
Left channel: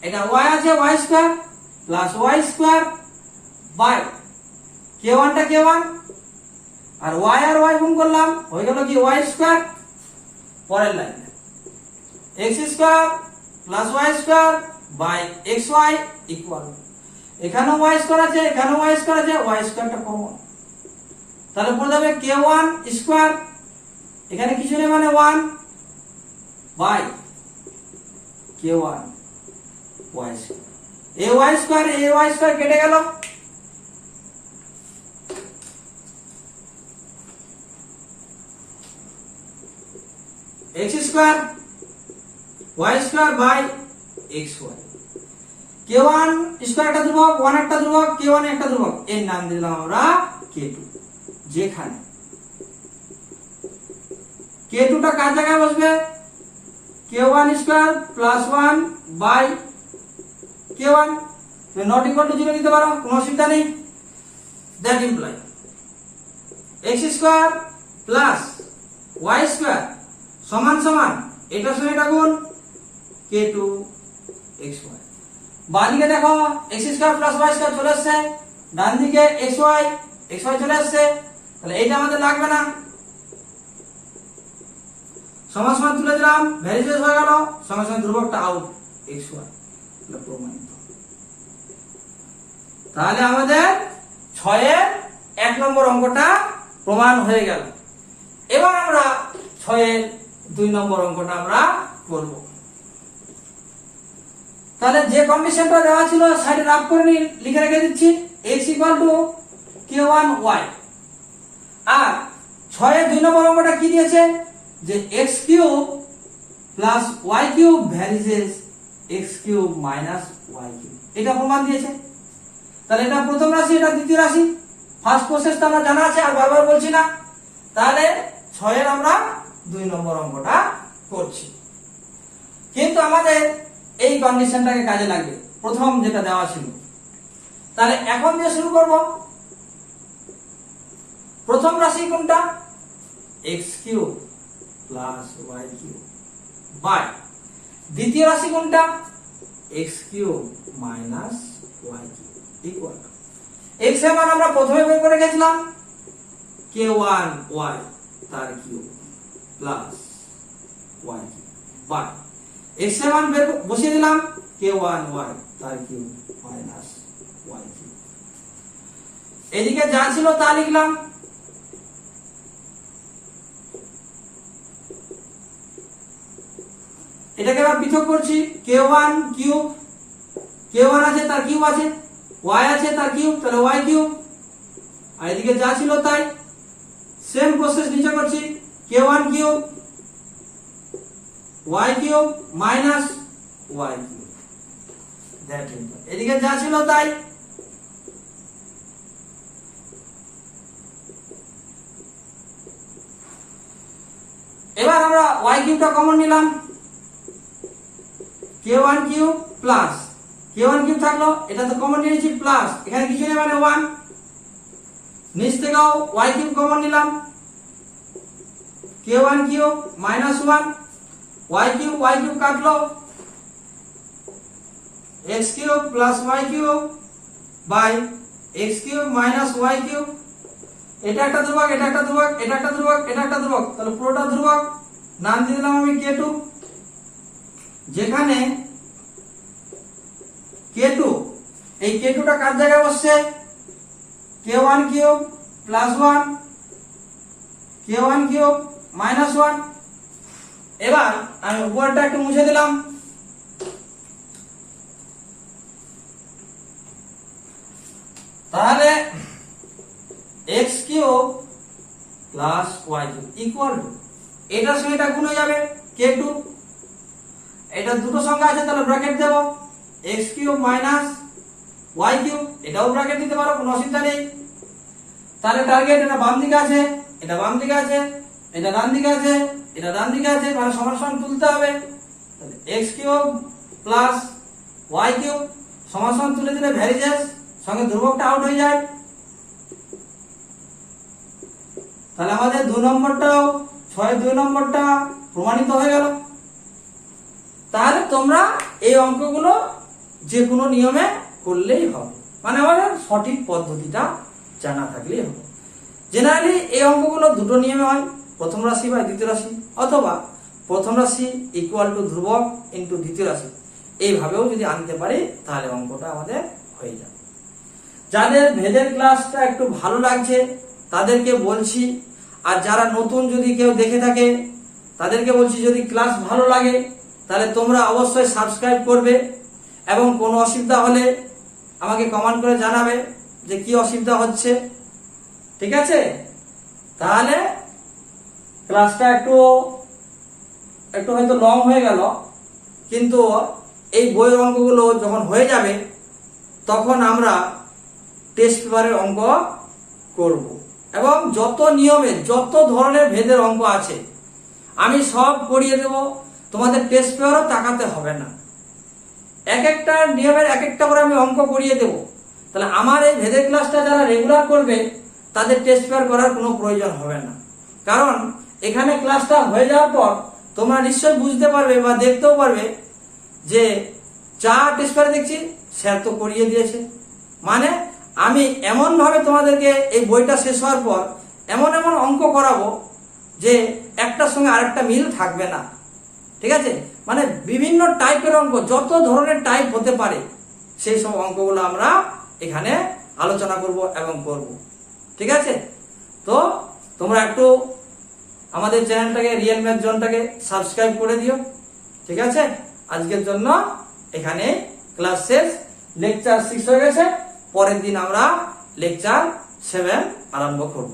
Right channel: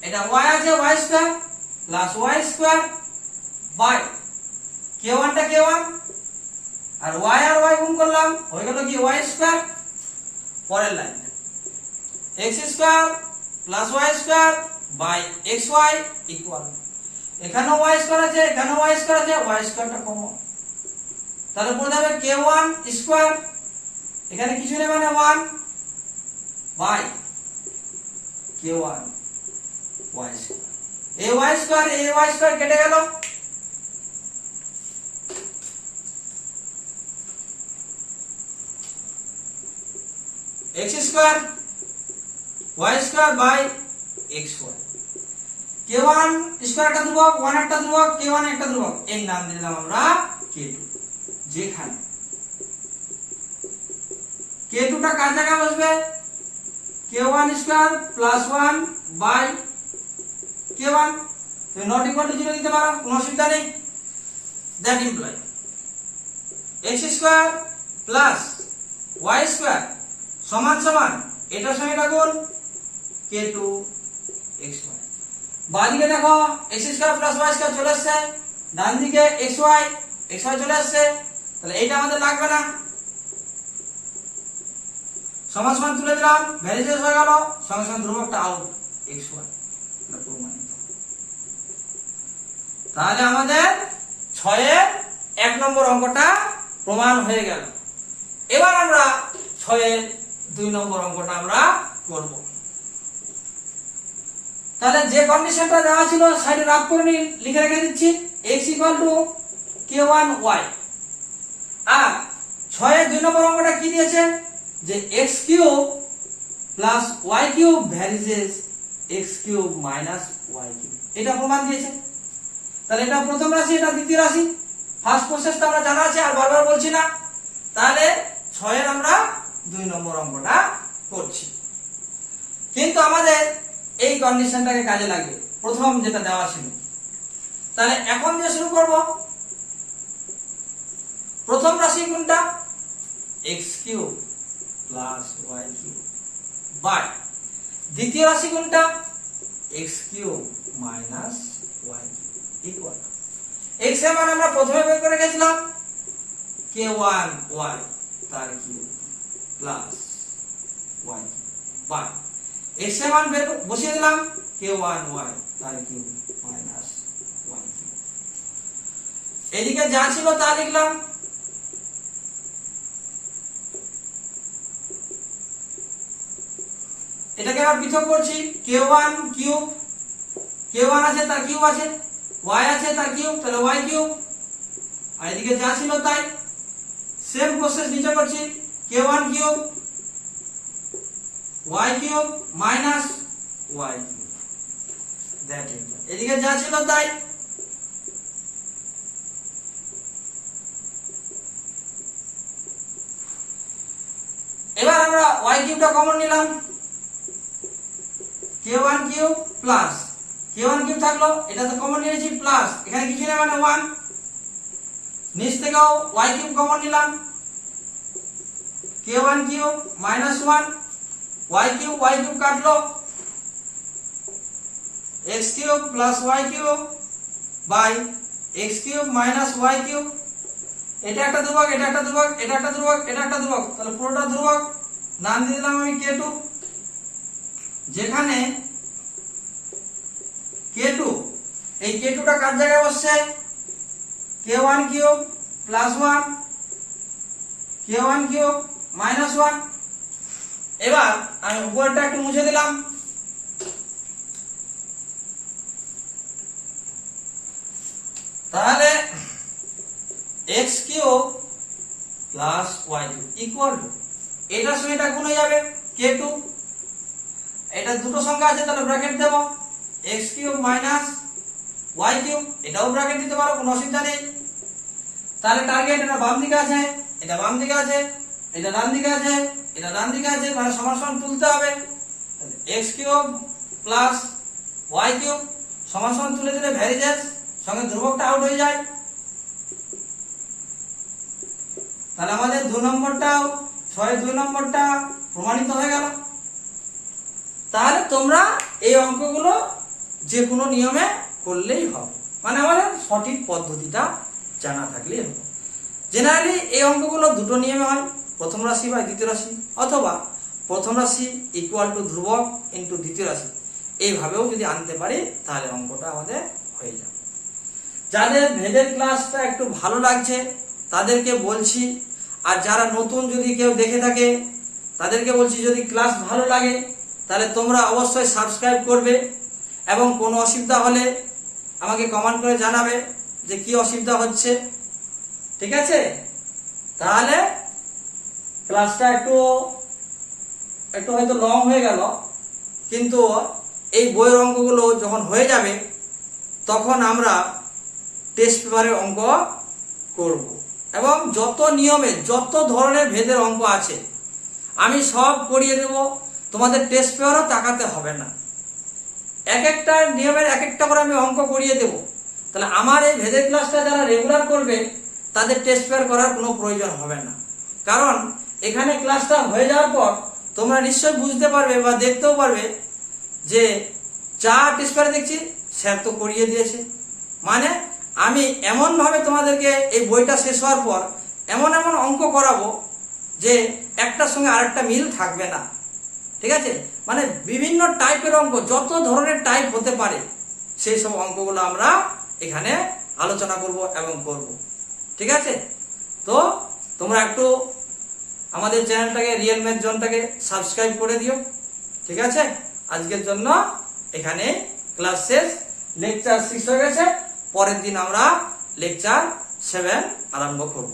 এটা y আছে y² + y² বাই k1 টা k1, আর y আর y গুণ করলাম হয়ে গেল কি y²। পরের line x² + y² by xy equal, এখানেও y² আছে, এখানেও y² আছে, y² টা কমন, তাহলে পড়ে যাবে k1 স্কয়ার, এখানে কিছু নেই মানে 1 বাই k1 y², এই y² কেটে গেল, x² y² by xy, k1 square একটা ধ্রুবক, 1 একটা ধ্রুবক, k1 একটা ধ্রুবক, এর নাম দিলাম আমরা k2। যেখানে k2 টা কার জায়গায় বসবে, k1 square plus 1 by k1, তুমি নট ইকুয়াল টু 0 দিতে পারো, কোনো অসুবিধা নেই। That imply x² plus y² সমান সমান এটার সঙ্গে এটা গুণ k2 xy। বাঁদিকে দেখো x² প্লাস y² চলে আসছে, ডান দিকে xy চলে আসছে, তাহলে এইটা আমাদের লাগবে না, সমান সমান তুলে দিলাম, ভ্যারিজেস হয়ে গেল, সঙ্গে সঙ্গে ধ্রুবকটা আউট xy, এটা প্রমাণিত। তাহলে আমাদের 6 এর 1 নম্বর অঙ্কটা প্রমাণ হয়ে গেল। এবার আমরা 6 এর 2 নম্বর অঙ্কটা আমরা করব। তাহলে যে কন্ডিশনটা দেওয়া ছিল সাইডে রাফ করে লিখে রেখে দিচ্ছি, x = k1 y, আর 6 এর 2 নম্বর অঙ্কটা কি দিয়েছে, যে x³ + y³ varies as x³ - y³, এটা প্রমাণ দিয়েছে। তাহলে এটা প্রথম রাশি, এটা দ্বিতীয় রাশি, ফার্স্ট প্রসেসটা আমরা জানা আছে, আর বারবার বলছি না। তাহলে 6 এর আমরা 2 নম্বর অঙ্কটা করছি, কিন্তু আমাদের এই কন্ডিশনটাকে কাজে লাগবে, প্রথম যেটা দেওয়া ছিল। তাহলে এখন দিয়ে শুরু করব, প্রথম রাশি কোনটা, x³ + y³ বাই দ্বিতীয় রাশি কোনটা, x³ - y³ ইকুয়াল, x এর মান আমরা প্রথমে বের করে রেখেছিলাম k1 y তার cube plus y by x এর মান বসিয়ে দিলাম k1 y তার কিউব মাইনাস y কিউব, এদিকে যা ছিল তা লিখলাম, এটাকে আমরা পৃথক করছি, k1 কিউব, k1 আছে তার কিউব আছে, y আছে তার কিউব, তাহলে y কিউব, আর এদিকে যা ছিল তাই সেম প্রসেস নিচে করছি, k1 cube y cube minus y cube, that is, এদিকে যা ছিল তাই। এবার আমরা y কিউবটা কমন নিলাম, k1 cube plus k1 cube থাকলো, এটা তো কমন নিয়েছি প্লাস, এখানে কিছু নেই মানে 1, নিচ থেকেও y কিউব কমন নিলাম, k1 cube minus 1, y cube কাটলো, x cube plus y cube by x cube minus y cube, এটা একটা ধ্রুবক, এটা একটা ধ্রুবক, এটা একটা ধ্রুবক, এটা একটা ধ্রুবক, তাহলে পুরোটা ধ্রুবক, নাম দিয়ে দিলাম আমি k2, যেখানে k2, এই k2টা কার জায়গায় বসছে, k1 cube plus 1, k1 cube minus 1। এবার আমি উপরটা একটু মুছে দিলাম, তাহলে x cube plus y cube equal to, এটার সঙ্গে এটা গুণ হয়ে যাবে k2, এটা দুটো সংখ্যা আছে তাহলে ব্র্যাকেট দেব, x cube minus y cube, এটাও ব্র্যাকেট দিতে পারো, কোনো অসুবিধা নেই। তাহলে টার্গেট এটা বাম দিকে আছে, এটা বাম দিকে আছে, এটা ডান দিকে আছে, এটা ডান দিকে আছে, মানে সমান সমান তুলতে হবে, x cube plus y cube সমান সমান তুলে দিলে ভ্যারিজেস সঙ্গে ধ্রুবকটা আউট হয়ে যায়, তাহলে আমাদের 2 নম্বরটাও 2 নম্বরটা প্রমাণিত হয়ে গেল। তাহলে তোমরা এই অঙ্কগুলো যে কোনো নিয়মে করলেই হবে, মানে আমাদের সঠিক পদ্ধতিটা জানা থাকলেই হবে। জেনারেলি এই অঙ্কগুলো দুটো নিয়মে হয়, প্রথম রাশি বাই দ্বিতীয় রাশি, অথবা প্রথম রাশি ইকুয়াল টু ধ্রুবক ইন্টু দ্বিতীয় রাশি, এইভাবেও যদি আনতে পারি তাহলে অঙ্কটা আমাদের হয়ে যাবে। যাদের ভেদের ক্লাসটা একটু ভালো লাগছে তাদেরকে বলছি, আর যারা নতুন যদি কেউ দেখে থাকে তাদেরকে বলছি, যদি ক্লাস ভালো লাগে তাহলে তোমরা অবশ্যই সাবস্ক্রাইব করবে, এবং কোনো অসুবিধা হলে আমাকে কমেন্ট করে জানাবে যে কি অসুবিধা হচ্ছে, ঠিক আছে? তাহলে ক্লাসটা একটু হয়তো লং হয়ে গেল, কিন্তু এই বইয়ের অঙ্কগুলো যখন হয়ে যাবে তখন আমরা টেস্ট পেপারের অঙ্ক করব, এবং যত নিয়মে যত ধরনের ভেদের অঙ্ক আছে আমি সব করিয়ে দেব, তোমাদের টেস্ট পেপারও তাকাতে হবে না, এক একটা নিয়মের এক একটা করে আমি অঙ্ক করিয়ে দেব। তাহলে আমার এই ভেদের ক্লাসটা যারা রেগুলার করবে তাদের টেস্ট পেপার করার কোনো প্রয়োজন হবে না, কারণ এখানে ক্লাসটা হয়ে যাওয়ার পর তোমরা নিশ্চয়ই বুঝতে পারবে বা দেখতেও পারবে যে যা টেস্ট পেপারে দেখছি স্যার তো করিয়ে দিয়েছে, মানে আমি এমন ভাবে তোমাদেরকে এই বইটা শেষ হওয়ার পর এমন এমন অঙ্ক করাবো যে একটার সঙ্গে আরেকটা মিল থাকবে না, ঠিক আছে? মানে বিভিন্ন টাইপের অঙ্ক, যত ধরনের টাইপ হতে পারে সেই সব অঙ্কগুলো আমরা এখানে আলোচনা করব এবং করব, ঠিক আছে? তো তোমরা একটু আমাদের চ্যানেলটাকে রিয়েল ম্যাথ জোনটাকে সাবস্ক্রাইব করে দিও, ঠিক আছে? আজকের জন্য এখানে ক্লাস শেষ, লেকচার 6 হয়ে গেছে, পরের দিন আমরা লেকচার 7 আরম্ভ করব।